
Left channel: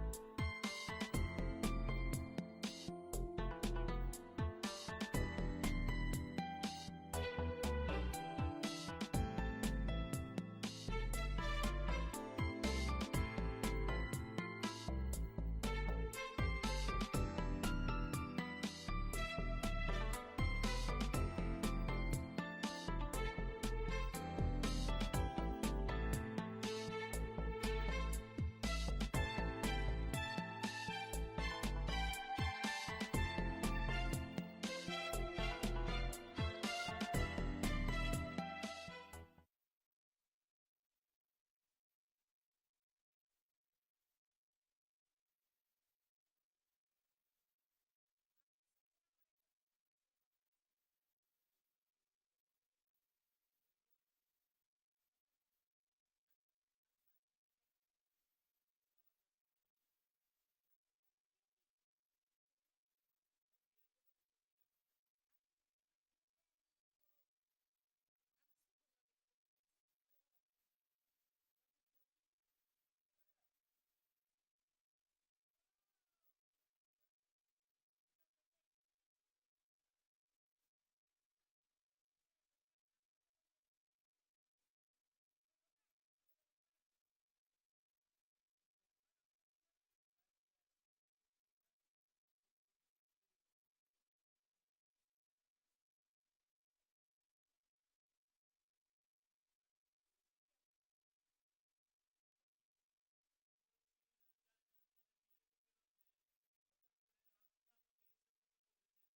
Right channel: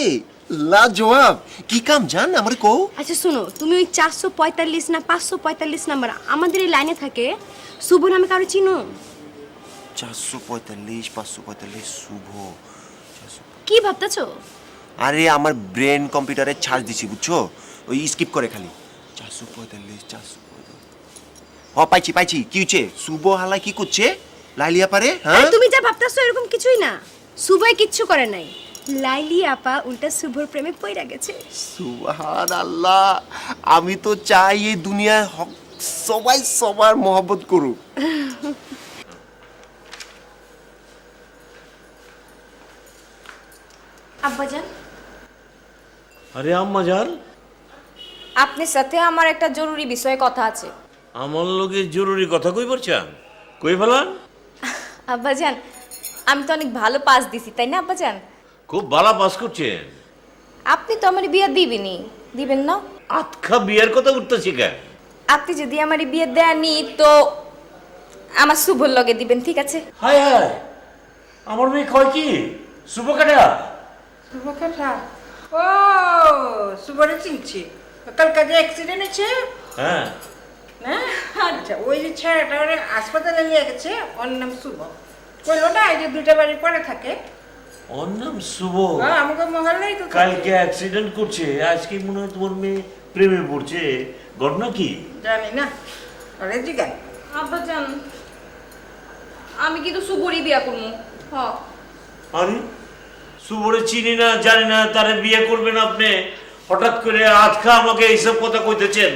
লাজবাব! কি কাম জান আমারে কও। আচ্ছা শুনো, তুমি ওই 445 না 545 নাম্বার আমাদের এই লাইনে থাকে শুভ নামে কারো চিনো? 445 545 শুভ। কি ভাবতেছো? আরে আমার ব্রেন কম্পিউটারে চার্জ দিছি বুঝছো, ওই স্কিপ করে খালি 445 445। পাইছি পাইছি, কি হচ্ছে? শুভ হালা কি করছে লাইলিয়া পারে? হ্যাঁ, তুমি যা ভাবতেছো এরকম কিছুই না। শুভই কিচ্ছু করে নাই, লাইলি আপা উল্টা শুভর প্রেমে পইরা গেছে। সুবহানাল্লাহ! আমি তো চাই এই দুনিয়ায় সবাই সবার মহব্বত করুক। আব্বাজান, আরে আম্মা জান, আপনার সাথে আমার একটা জরুরি বিষয়ে কথা আছে। আমার লোকে জরুরি কথা কই বলছেন? কই ফেলান? আব্বাজান, আমি তো অনেক ভালো পাস দিছি তাই না আব্বাজান? খুব ভালো পাস করছেন। আপনি তো আমার বিয়ে দিবেনই, দিবেন না? আতখা বিয়ের কথা উঠতেছি কেন? আপনি যদি আমার বিয়ে দেননি তো আমার শুভর লগে দিবেন, ঠিক আছে? হায় হায়, আমার মেয়ে কয় কি শুভ কাটা? শুভকাঠা, ও শুভরে চিনছি, কালকে যে অ্যাক্সিডেন্ট হয়েছে হ্যাঁ, না? আচ্ছা, ওই যে ছেলেটা ওরে হাসপাতালে নিয়ে গেছে, ওর নাম শুভ। কইলো না এই যে দুইটা বাড়ি পরে থাকে। ওর নাম শুভ। হ্যাঁ, আমাকে মহল্লাই তো থাকে। কালকে অ্যাক্সিডেন্ট করছে, আজকে মনে হয় তোমার মেয়ে প্রেমে পড়ছে, ঘটনা কি? জানি না, ওরে জিজ্ঞান। আব্বাজান, আমি কিন্তু শুভরই বিয়ে করবো। হ্যাঁ। আরে শুভরে চিনি না, জানি না, তারে বিয়ে করবেন আপনি, হঠাৎ করে আজকা আমাকে এইসব কথা কইতেছেন?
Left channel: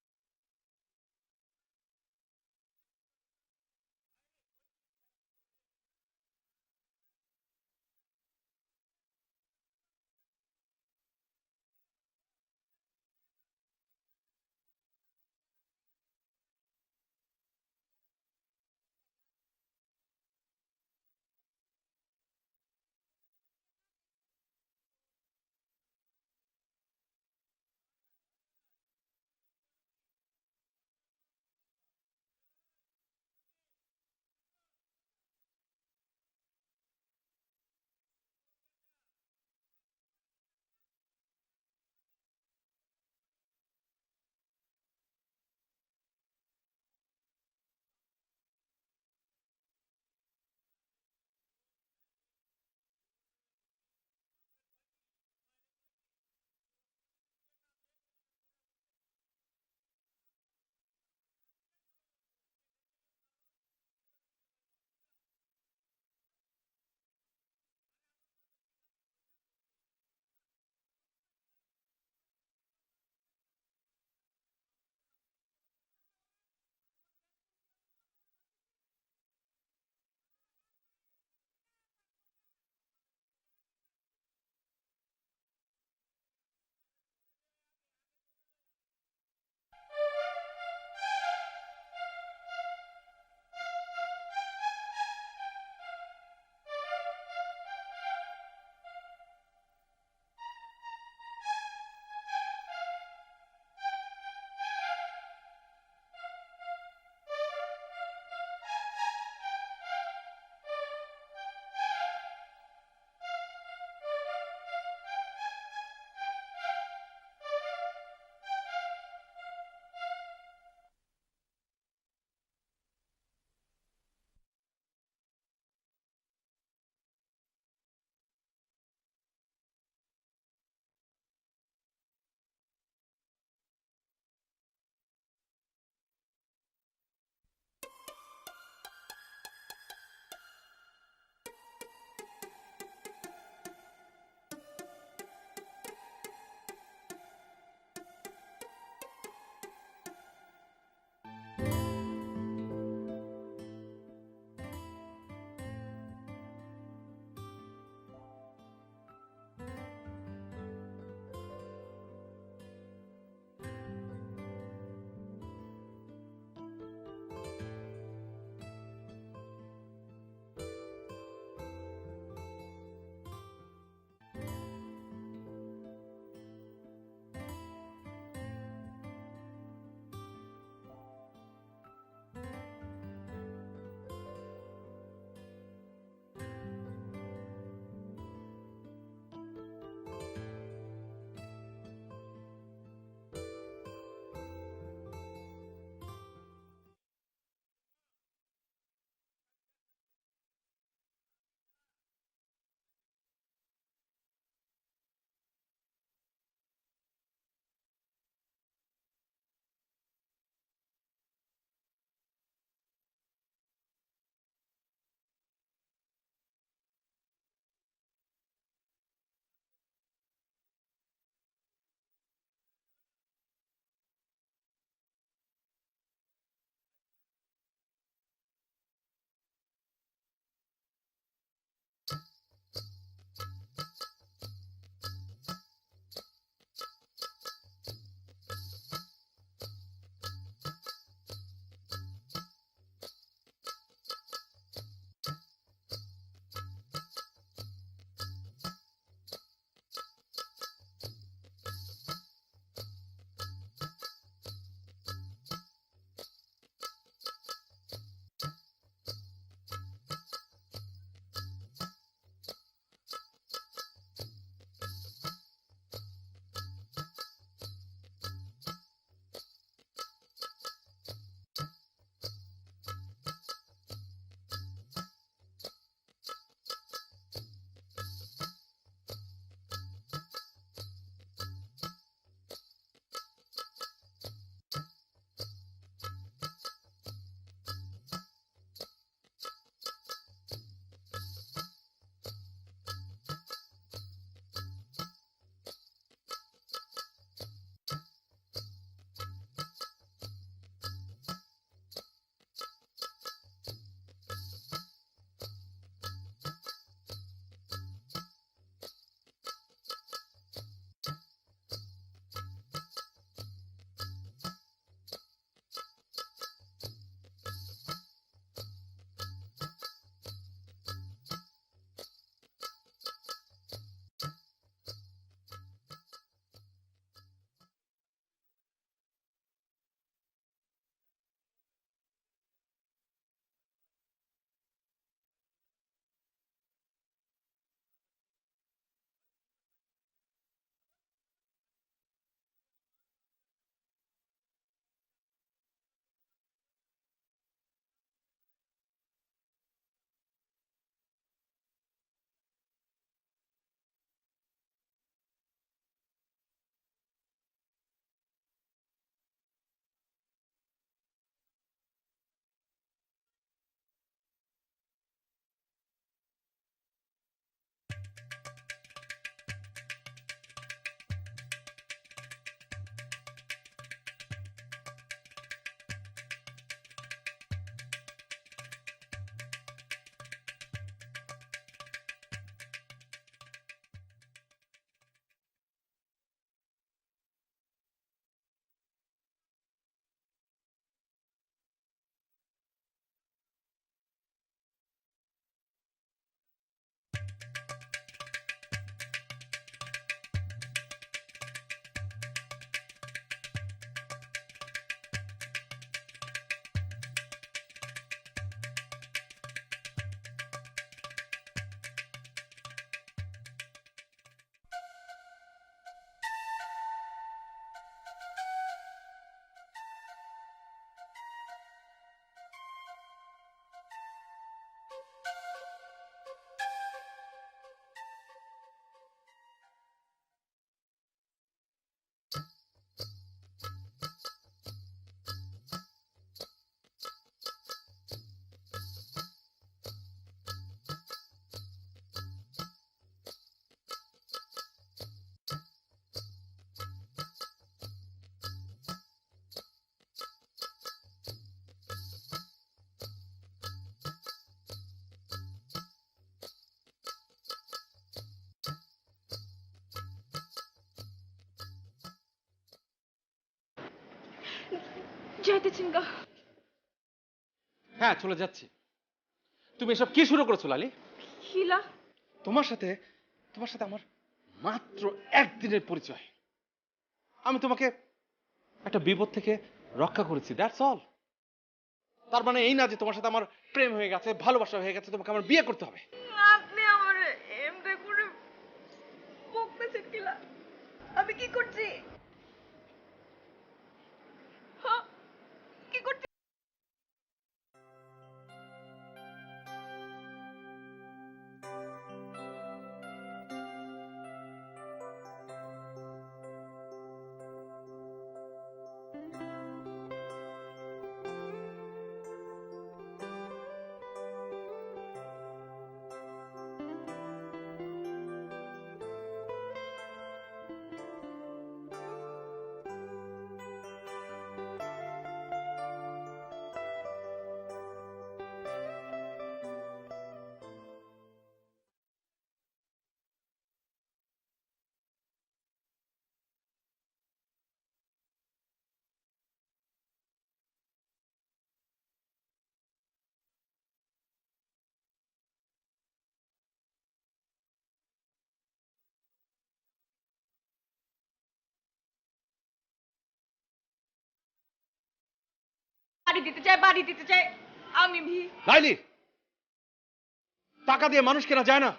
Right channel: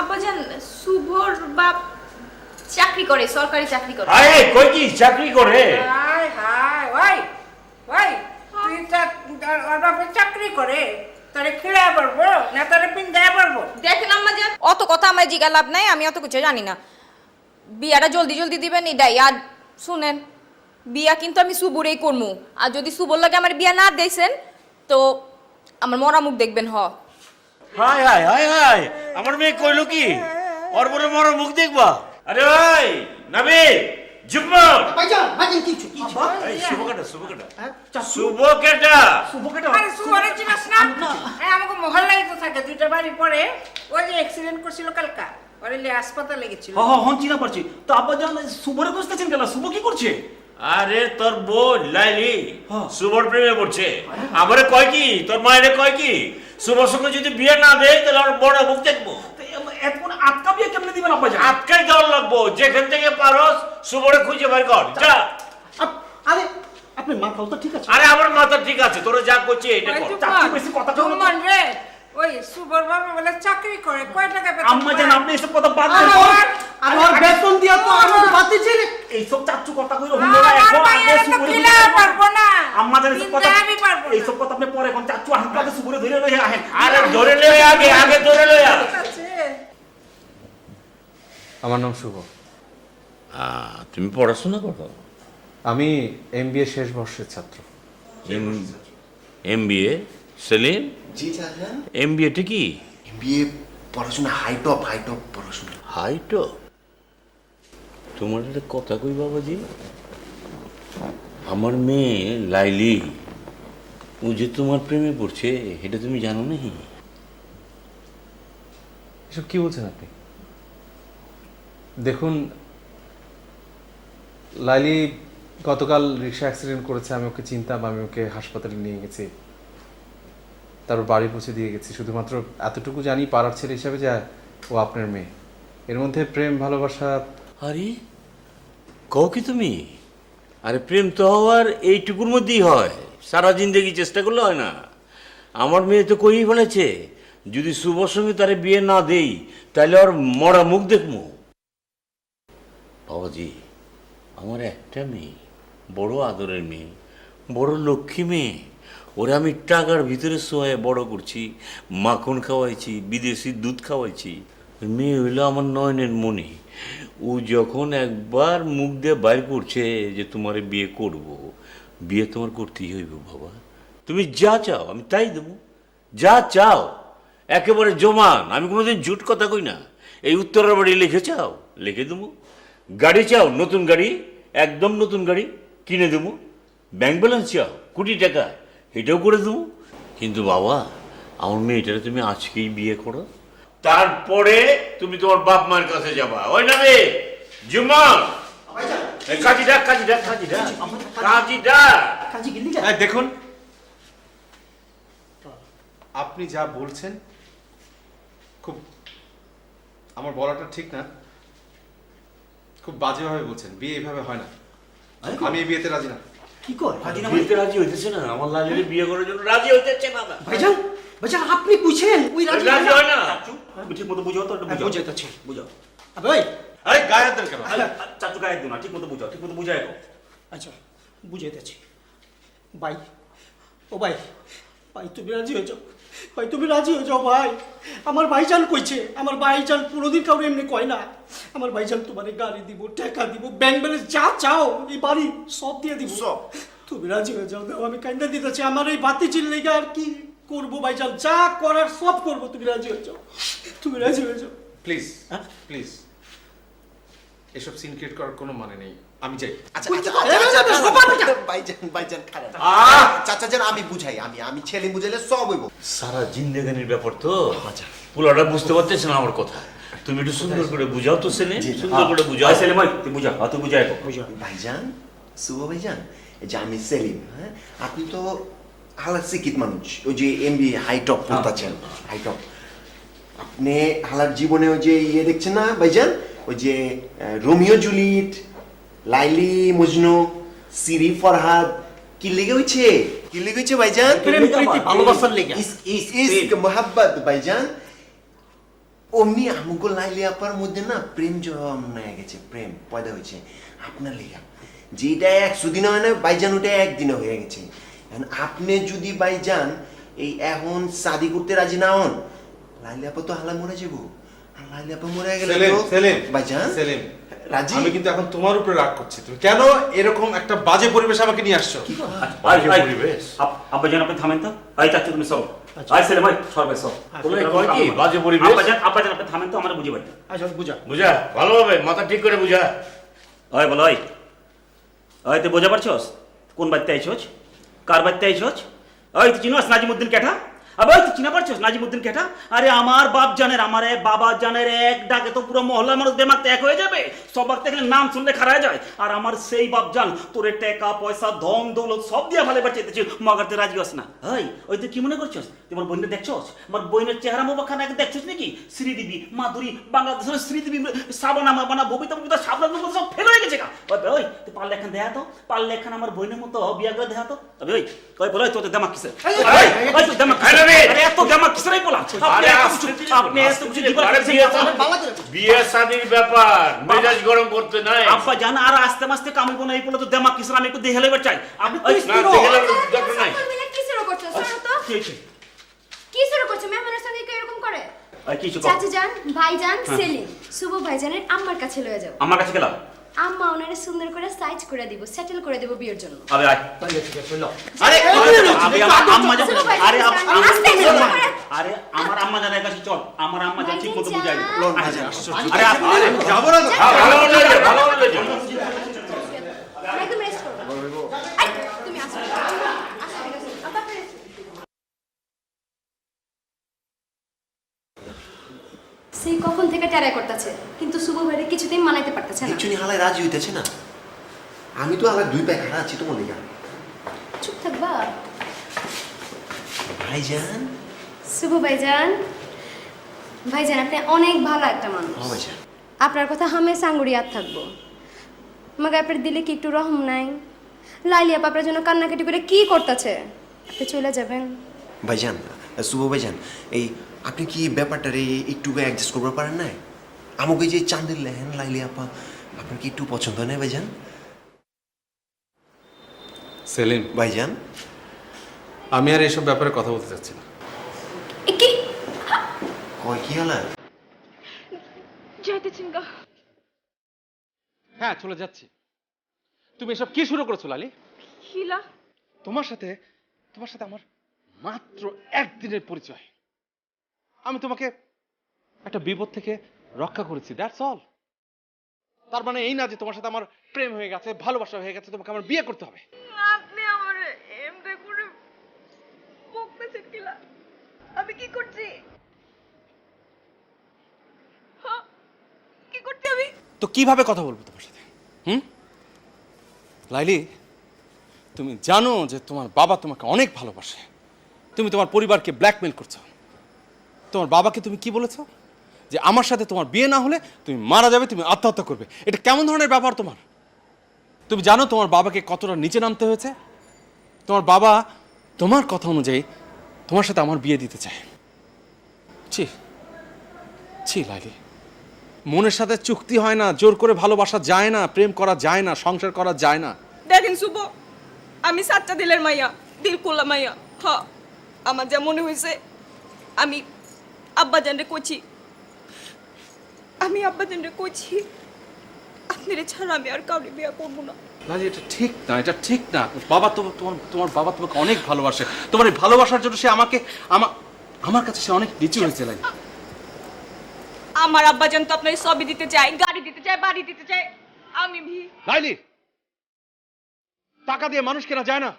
আব্বাজান, শুভর বাপ চাকরি করে, সরকারি চাকরি করে। হায়, কই কি চাকরি করে? হায় হায়, ওই ওই তুই ওর বাপে চাকরি করে, তোরে খেলায় পারবো না তোরে পিন্দায় পারবো? দেখেন আম্মাজান, অত কথা আমার জিগা লাভ নাই, আমি অত কিছু জানি না। বিয়াটা জলদি জলদি দিবেন এটাই। আর শুনেন, বিয়া কিন্তু আমি শুভরেই করবো। আর যদি শুভর লাগে আমার বিয়া না দেখছেন তো আমার মরা মুখ দেখবেন। হায় হায় হায় হায়, আমার মেয়ে কইলো কি ওর বড় মর মুখ দেখবা? আরে ভাই নাবি জুম্মন, ভাইজান কিছু এই শুভ কাটা, শুভ কাটা, হ্যাঁ, শুভ কাটা। আরে শুভরে চিনাস না? এই আমাকে মহল্লাই তো থাকে, দুইটা বাড়ি পরে। ওই যে অ্যাক্সিডেন্ট করছিল কালকা, ওরে লিয়ে হাসপাতালে গেছিল। হন চিনা পারছি। তো আব্বাজান শুভরে খুঁজতেছেন কেন? শুভ কি করছে? আরে তোর বোন লাইলি হ্যাঁ। শুভর প্রেমে পড়ছে। আমারে কয় কি, তোর মায়েরে কয় কি, শুভর সঙ্গে যদি বিয়ে না দেয় তাহলে ওর বড় মুখ দেখবো। এখন আটকা বিয়ে কেমনে দিবেন আব্বাজান? আটকাই দেওয়ার লাগবো, যেখান থেকে পারস শুভরে খুঁজে বের কর যা। আরে আপনি মাথাও তো ঠিক আছে। আরে আমার মাথা ঠিক আছে, তোরা যা করছিস এটা ওই কর। চুপ চাচি কর। বেশি কথা বলো না। জুম্মন রে, ওই শুভর বাবা বলে চাকরি করে, কয় টাকা বেতন আম্মাজান পায়? আপনি এসব কথা বাদ দেন। আর ওর বেতন দিয়া তো আমাকে বাতিছে রে। এইসব চাচ্চু কথা কইলো আমার হুন্ডরা এখন আগে মায়েরা তো শুভরে খেলায় পারবো না। আম্মাজান এসব কথা, পিন্দায় আমি পারবো না। এইসব কথা আপনি পরে এখন চাচ্চু হাতে শুভরে ধরে লয়ে আহেন। আরে ধরে লয়ে আগে, আগে ধরে লয়ে আ। ঠিক আছে। আমার নাম শুভ। তুমি পড়াশোনা করো? আমি এমবিএ শেষ বর্ষের ছাত্র। এমবিএ? সেলিম, জি চাচা। এমবিএটা কি? বিয়ে পড়াশোনা হাই টপ পড়াশোনা। হাইট? তোমার একটা কথা কই বাবাজি, আমার মেয়ে লাইলি ও যে তোমার প্রেমে পড়ছে এটা তুমি জানো নাকি? এসব কি বলছেন আপনি? দেখুন, লাইলি গতকাল রিক্সা অ্যাক্সিডেন্ট করেছে, আমি ওকে চিনতাম, আমি ওকে হাসপাতালে নিয়ে গেছি, তারপর বাড়ি পৌঁছে দিয়ে গেছি। শুধুমাত্র এতটুকু জানি পাড়ার ছেলে হিসাবে যে ও আপনার মেয়ে। এর মধ্যে প্রেম ভালোবাসা। আরে কও কি তুমি? আরে প্রেম তো হওয়ার এইটুকুর মধ্যেই হয়, সারা জিন্দগি চেষ্টা করলে হয় না। আমার মেয়ে তো কই বলেছে যদি শুভর সঙ্গে তারে বিয়ে না দেই তাহলে ওর মরা মুখ দেখবো। বাবাজি, আমার একটা মেয়ে, বড় আদরের মেয়ে, বড় লক্ষ্মী মেয়ে, ওরে আমি টাকার ভিতরে শোয়ায় বড় করছি, মাখন খাওয়াইছি, বিদেশি দুধ খাওয়াইছি। ওই মেয়ে হইলো আমার নয়নের মণি। ও যখন একবার মুখ দিয়ে বাইর করছে যে তোমারে বিয়ে করব, বিয়ে তোমার করতেই হইব বাবা। তুমি যা চাও আমি তাই দেবো, যা চাও একেবারে জমান। আমি কোনোদিন ঝুট কথা কই না। এই উত্তরের বাড়ি লিখে চাও লিখে দেবো, গাড়ি চাও নতুন গাড়ি, একদম নতুন গাড়ি কিনে দেবো, ব্যাংক ব্যালেন্স চাও কোটি টাকা, এটাও করে দেবো। কিন্তু বাবা, আমার মেয়েটারে তুমি আজকেই বিয়ে করো, তারপরে তুমি তোমার বাপ মায়ের কাছে যাবা। ওই না রে জুম্মা, কাজী ডাক, কাজী ডাক, কাজী ডাক, কাজী ডাক। কাজী গেলি দেখুন, আপনি যা বলছেন খুব, আমার বলাটা ঠিক না, খুব বাজেভাবে বলছেন। বিয়ে এইভাবে হয় না, আমি এই বিয়েতে রাজি না। কি কয়? বিয়েতে রাজি হইতেছে না, আমার লালিরে বিয়ে করার জন্য রাজি হইতেছে না। ভাইজান আপনি বুঝছেন ওই রাজি রাজি হয় না। ঠিক মতো বুঝাও তো, একটু বুঝাও। বুঝাইতেছি। বুঝাও। আবে ওই, আরে গায়ে হাত দেন কেন? চাচু গায়ে দিও না, ঠিক মতো বুঝাও, ঠিক মতো বুঝাই দাও। আচ্ছা বুঝাইতেছি। ভাই, ও ভাই, ভাই তুমি রাজি হয়ে যাও, ভাই তুমি রাজি হয়ে যাও ভাই। আমার ভাইজান কইছে, আমার ভাইজান কোনোদিন কাউকে এমনি কয় না। আমার ভাইজান তোমার গাড়ি দিব, টাকা দিব, ব্যাংক ব্যালেন্স যা চাও, এই বাড়ি সব দিয়ে দিব। সব তুমি রাজি হয়ে যাও দাও, আমি কাইন্দা দিতেছি আমার এই বাতি চিল্লেগা আর কি করবো ভাইজান, যা করার সব করবো, তুমি রাজি হয়ে যাও, তুমি রাজি হয়ে যাও। প্লিজ প্লিজ, এসব সিন ক্রিয়েট করার কোনো মানে নেই, আমি চাই। আচ্ছা ভাইজান খারাপ চাচা যান, আমি বুঝাই, আমি ছেলে বুঝাইলে সব হইব। সারা জিন্দেগানির ব্যাপার তো পোলাটা বুঝতে পারতেছে না আমার কথা। তুমি একটু সুন্দর করে বুঝাও তো ছেলে, সুন্দর করে বুঝাও। সেলিম ভাই তুই বুঝা, তুই বুঝাই ভাইজান, শুভ ভাইজান, এই যে আমি সেলিম, হ্যাঁ, আপনি তো হালার শিক্ষিত মানুষ, ওই যে এমবি হাইটপ পড়তেছেন, হাইটপ। আপনি হালার জীবনে ওই যে ইয়ে দেখছেন না ভাইজান, ওই যে রোমিও জুলিয়েট, লাইলি মজনু, সিরি ফরহাদ, কি লেগে হয়েছে, কি লেগে হয়েছে ভাইজান? ভালোবাসার লেগে ইস্ক মোহাব্বত ভাইজান। অমনি আমুকো লাইলি আপার মধ্যে না প্রেম জন্মায় গেছে, প্রেম পয়দা হয়েছে আপনার লেগা। যেটা 100 দিনে হয় না ভাইজান, ওটা একদিনে হয়ে গেছে। এখন আপনি যদি ভাইজান এই এখন শাদি করতে রাজি না হন, লাইলি আপা তো হালা মরে যাবো, আর লাইলি আপা মরে গেলে ভাইজান সেলিম, রাজি। আমি কিন্তু এখন তোমার উপরে রাগ করছি, তুমি কেন এরকম একটা বাজে পরিবেশ আমাকে নিয়ে আসছো? আব্বাজান আপনি থামেন তো, আই চাচ্ছি তুমি সব আই সেলিম ভাই সবাই সব তোমরা কয় কি বাজে পরিবেশ? আব্বাজান আপনি থামেন তো, আমার বুঝে পাই। আচ্ছা বুঝা বুঝা ভালোভাবে মাথা ঠিক করে বুঝা। ওই বলো ওই তুই বোঝা পারছস কোন বাড়িতে আইছস, কার বাড়িতে আইছস? ওই তুই চিনোস নাজিমুদ্দিন কেটা? আবে ওই তুই চিনা পারছস নাজিমুদ্দিন কেটা? আরে আমার বাপ জানের, আমার বাবা জানের এক ডাকে তো পুরো মহল্লার মানুষ দেমাগ এক হয়ে যাবে, সবার থেকে নাম শুনলে খারায় যায়। আর আমার সেই বাপ জান তোরে টাকা পয়সা ধন দৌলত সব দিয়ে ভালো এবার চাইতেছি, মগার তুই রাজি হস না। ওই তুই কি মনে করছস তুই আমার বোনকে দেখছস? আমার বোনের চেহারা মোবাখানা দেখছস নাকি? শ্রীদেবী, মাধুরী, বাংলাদেশের শ্রীদেবী, সাবানা মাবানা, ববিতা ববিতা, সাবলান সব ফেল হয়ে গেছে। ওই তুই পারলে এখন দেখা তো, পারলে এখন আমার বোনের মতো বিয়া করে দেখা তো। তবে ওই বলো তোদের দেমাগ কিসে? ওই তোর দেমাগ কিসে? আরে এত দেমাগ কিসে রে বলা? আপনি এত কিছু বিয়ে শাদির ব্যাপার, মেজাজ গরম করতে নাই। আব্বা জান আর আস্তে আস্তে কামড় কোন এই বলে তো দেমাগ কিসে? আমি একটু দেখে লেবার চাই। আপনি না দেখে দরকার নাই। কি শুরু করছো? শোনো তো, কি হয়েছে? কি শুরু করছো? মেহমানের সঙ্গে কেউ এরকম করে? কিছু চাচি যান, ভাইজান, সেলিম, শুভ ভাইজানের আম্মার কাছে লয়ে যাও। আমার কাছে গেলাম, আম্মা ওনারে সুন্দর করে সাইজ করে দিব, সেটেল করে দিব বিয়ের জন্য। আবে আয়। আরে আবে আমার আম্মা জান, শুভ ভাই, আরে আস্তে আস্তে। আরে আমার আম্মা জানের কাছে চল, আমার আম্মা জান ঠিক মতো বুঝাই। আরে যাবো না তো, ভালো হলো যে, ভালো হলো যে। একদম রেস্ট করো। আই, তুমি আসো। আব্বা রেস্ট। সেই কখন থেকে ট্যারাই করতেছে, কিন্তু শুভ ভাইরে কিছুতেই মানাইতে পারতেছে না। একচুয়ালি হালায় রাজি হইতেছে না। আমি তো হালার 2 পায়ে খাড়া আছি তোমার লেগা। চুপ থাকবা। ভাইজান, শুভ ভাইজান, ভাইজান আপনি অনেক ভালো একটা মানুষ। ও ভাইজান, আপনার কথা হামেশা আঙ্গুরি ইয়াদ থাকবো। আমাকে আপনার দিলে কি একটু রহম নাই? লাইলি আপা আপনার জন্য কান্নাকাটি করে কি করতেছে? আপনি চলে যাবেন। ভাইজান, শুভ ভাইজান, এই আপনি কি ব্যাপারটারে একটু অ্যাডজাস্ট করতে পারেন না? আমাকে যে চাঁদের লেহেন লাইলি আপা আপনার কি একটু পছন্দ হয় না ভাইজান? সেলিম, ভাইজান, আমি আর এসব ব্যাপারে কথা বলতে চাচ্ছি না। কি কয় কি হালা? যাইতেছেন গা? হ্যাঁ চলে যাচ্ছি। তুমি এসব কি শুরু করেছো লালি? হিলা তোমার সাথে আমার মাত্র 1 দিনের পরিচয়। আমি তোমাকে একটা বিপদ থেকে রক্ষা করেছি, দ্যাটস অল। তার মানে এই না যে তোমার সাথে আমার প্রেম হয়ে গেছে, ভালোবাসা হয়ে গেছে, তোমাকে আমার বিয়ে করতে হবে। আপনি আমার এমনি করে বকতেছেন কিলা? আমি কি করছি? হ্যাঁ, কি করছি আমি? তো কিভাবে কথা বলবো তোমার সাথে? লাইলি, তুমি জানো যে তোমার বাবা তোমাকে অনেক ভালোবাসে, তুমি তোমার পরিবারকে ব্ল্যাকমেল করছো। তোমার বাবাকে তুমি কি বলেছো? যে আমার সাথে তোমার বিয়ে না হলে তুমি মারা যাবে, তুমি আত্মহত্যা করবে। এটা কেমন ধরনের ব্যাপার তোমার? তুমি জানো তোমার বাবাকে কতটা নিচে নামতে হয়েছে? তোমার বাবা তোমার কথা অনুযায়ী তোমার সাথে আমার বিয়ে দিতে চায়। ছি ছি লাইলি, মনের সাথে চুক্তি হয় না, জোর করে ভালোবাসা যায় না, প্রেম করা যায় না, সংসার করা যায় না। দেখেন শুভ, আমি সাচ্চা দিলের মাইয়া, দিল খোলা মাইয়া। হ্যাঁ, আমার যা মনে হয়েছে আমি আব্বাজানরে কইছি, আপনারে ছাড়া আমি আর কাউরে বিয়া করবো না। লালি, এটা ঠিক না, এটা ঠিক না। বাবা তোমার বাবা তোমাকে অনেক ভালোবাসে। তোমার এই ভালোবাসার জন্য সে আমার কাছে সে অনেক নিচু হয়েছে লালি। আমার আব্বাজান তো আপনার সবই দিতে চায়, গাড়ি দিতে চায়, বাড়ি দিতে চায়। আমি লাইলি, টাকা দিয়ে মানুষ কেনা যায় না।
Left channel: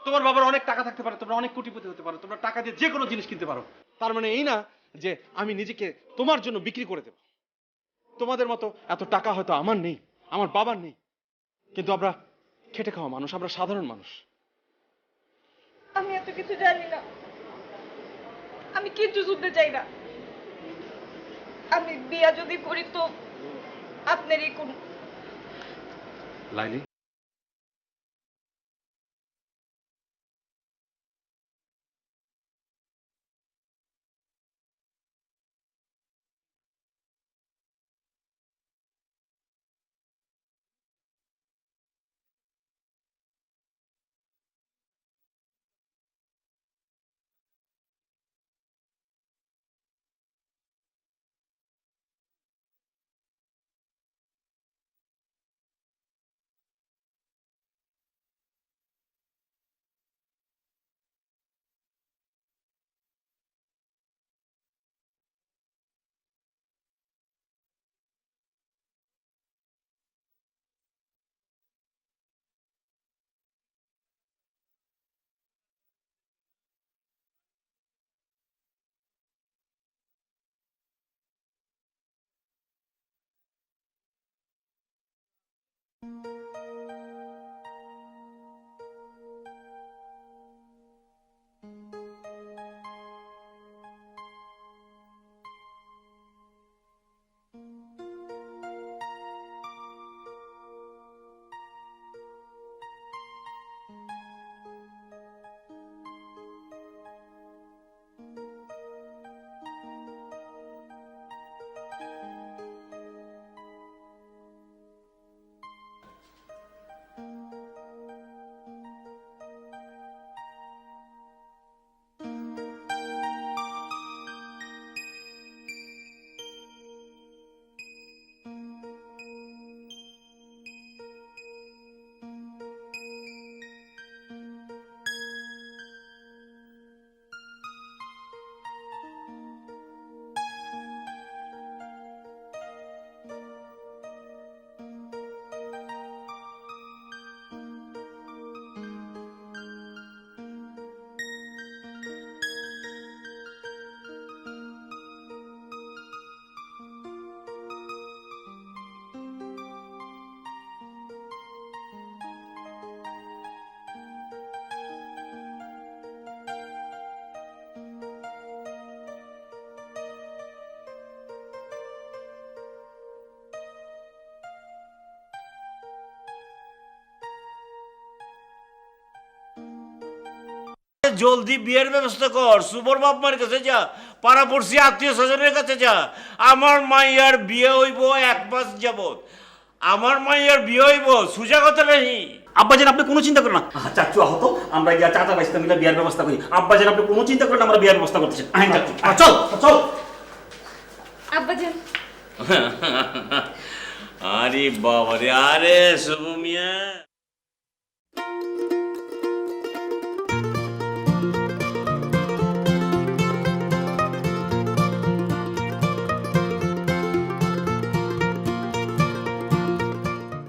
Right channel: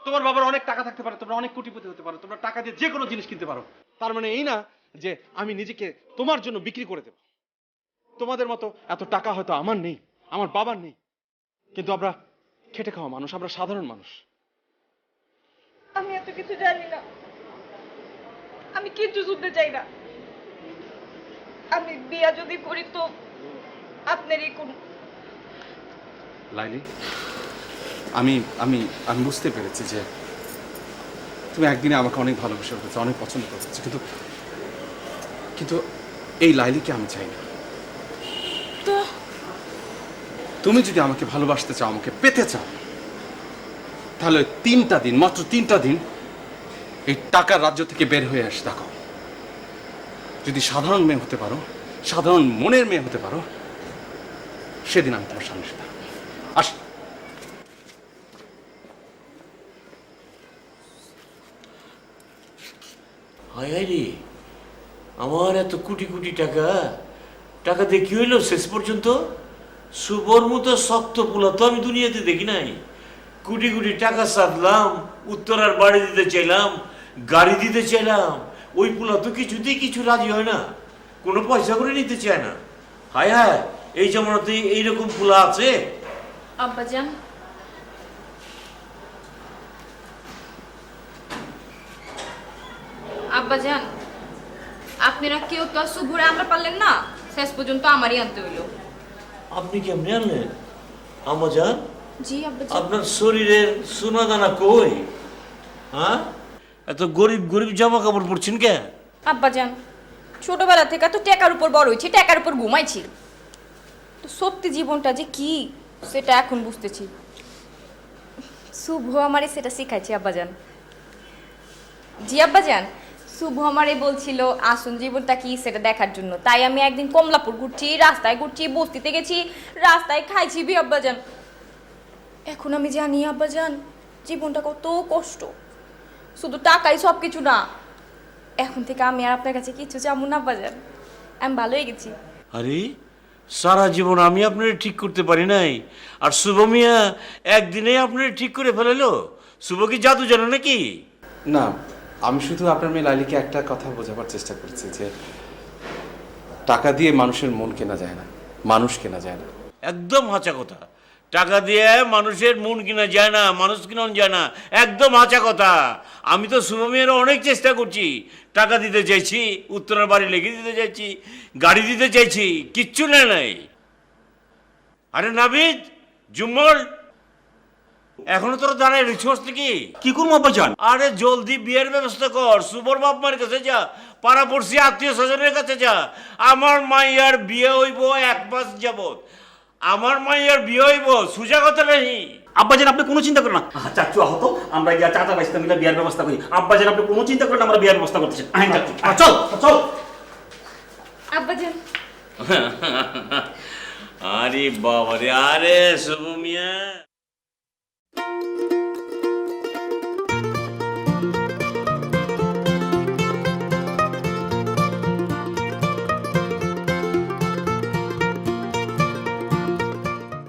তোমার বাবার অনেক টাকা থাকতে পারে, তোমরা অনেক কোটিপতি হতে পারো, তোমরা টাকা দিয়ে যে কোনো জিনিস কিনতে পারো। তার মানে এই না যে আমি নিজেকে তোমার জন্য বিক্রি করে দেব। তোমাদের মতো এত টাকা হয়তো আমার নেই, আমার বাবার নেই, কিন্তু আমরা খেটে খাওয়া মানুষ, আমরা সাধারণ মানুষ। আমি এত কিছু জানি না, আমি কিচ্ছু শুনতে চাই না। আমি বিয়া যদি করি তো আপনারই কোন। লাইলি, আমি আমি আমি বুঝতে পেরেছি যে তুমি একদিনে আমাকে অনেক ভালোবেসে ফেলেছো, অনেক পছন্দ করেছো, কিন্তু এই লাইলিকে আমি চাই না। তো তুমি যদি আমাকে ভালোবাসতে চাও, আমাকে পেতে চাও, তাহলে 3টা দিন, মাত্র 3টা দিন এই টাকার রাজ্য থেকে বের হয়ে আসে। দেখো, যদি সাধারণ মেয়ে হতে পারো, সাধারণ মনের মেয়ে হতে পারো, সেদিন আমি তোমার সামনে এসে থাকবো। আস। হায় হায় রে, আমার এত কোটি কোটি টাকা, টাকা দিয়ে কি হইলো শেষ পর্যন্ত? শুভর মতো শক্ত পোলা তো আমি দুনিয়াতে দেখি নাই। কোটি কোটি টাকা সাধলাম, উত্তরার বাড়ি দিতে চাইলাম, গাড়ি দিতে চাইলাম, ওই পোলা তো কিছুতেই কিছু রাজি হয় না, কোনো পয়সা করে নিতে চায় না। হায় হায়, এই জমানাতে এইরকম পোলা আছে? আব্বাজান, আব্বাজান, আপনারা কেউ তো আর শুভরে আমরা পারলেন না, শেষ পর্যন্ত আমারই আনতে হইলো। আপনি কেমনে আনলেন আমাজান? জি আব্বাজান। আপনার শরীরের সোনা দানা কই? হ্যাঁ, এত গরিব গরিব জামা কাপড় পরছেন কে? আব্বাজান, ছোটবেলা থেকে তো টাকার উপর বড় হয়েছি, টাকার উপর ঘুমাইছি, তো সত্যি জীবনটা যে কি সেটা এখন বুঝতেছি। শুভ আমারে সেটা শিখাইছে আব্বাজান। জি আব্বাজান, শুভ আমারে বলছিল আসুন জীবনটা কি সেটা দেখার জন্য, তাই আমি একদিন কমলাপুর ঘুরছি, রাস্তায় ঘুরছি, বস্তিতে গেছি, রাস্তায় খাইছি বি আব্বাজান। এখন আমি জানি আব্বাজান জীবনটা কত কষ্ট, শুধু টাকাই সব কিছু না। এখন থেকে আমি আর আপনার কাছে কিছু চাবো না আব্বাজান, আমি ভালো হয়ে গেছি। আরে, সারা জীবন আমি আপনার ঠিক করতে পারি নাই, আর শুভ মিয়া একদিনে আপনার ঠিক করে ফেলালো? শুভ কি জাদু জানে নাকি? না, আমি শুধু আপনার মেয়ে লাইলিকে একটা কথা বোঝাবার চেষ্টা করছি যে টাকা দিয়ে মানুষের মন কেনা যায় না, মানুষ কেনা যায় না। একদম হাঁচা কথা। টাকা দিয়ে মানুষের মন কিনা যায় না, মানুষ কিনা যায় না, একদম হাঁচা কথা। আমি তো শুভ মিয়ার অনেক চেষ্টা করছি, টাকা দিতে চাইছি, উত্তরের বাড়ি লেগে দিতে চাইছি, গাড়ি দিতে চাইছি, কিচ্ছু নেয় নাই। আরে নাবিদ, জুম্মল, এখনো তোরা দাঁড়ায় রিছোস নাকি? কি করবো আব্বাজান? আরে জলদি বিয়ের ব্যবস্থা কর, শুভর বাপ মার কাছে যা, পাড়া পড়শি আত্মীয় স্বজনের কাছে যা। আমার মাইয়ার বিয়ে হইব 1 মাস যাবত, আমার মাইয়ার বিয়ে হইব, সুজা কথা নেই। আব্বাজান আপনি কোনো চিন্তা করেন না। চাচু আহত, আমরা গিয়া চাচা বাইস্তা মিলে বিয়ার ব্যবস্থা করি। আব্বাজান আপনি কোনো চিন্তা করেন না, আমরা বিয়ার ব্যবস্থা করতেছি। আইন চাচু, চল চল। আব্বাজান, আরে বাবা রে, আরে শুভ মিয়া।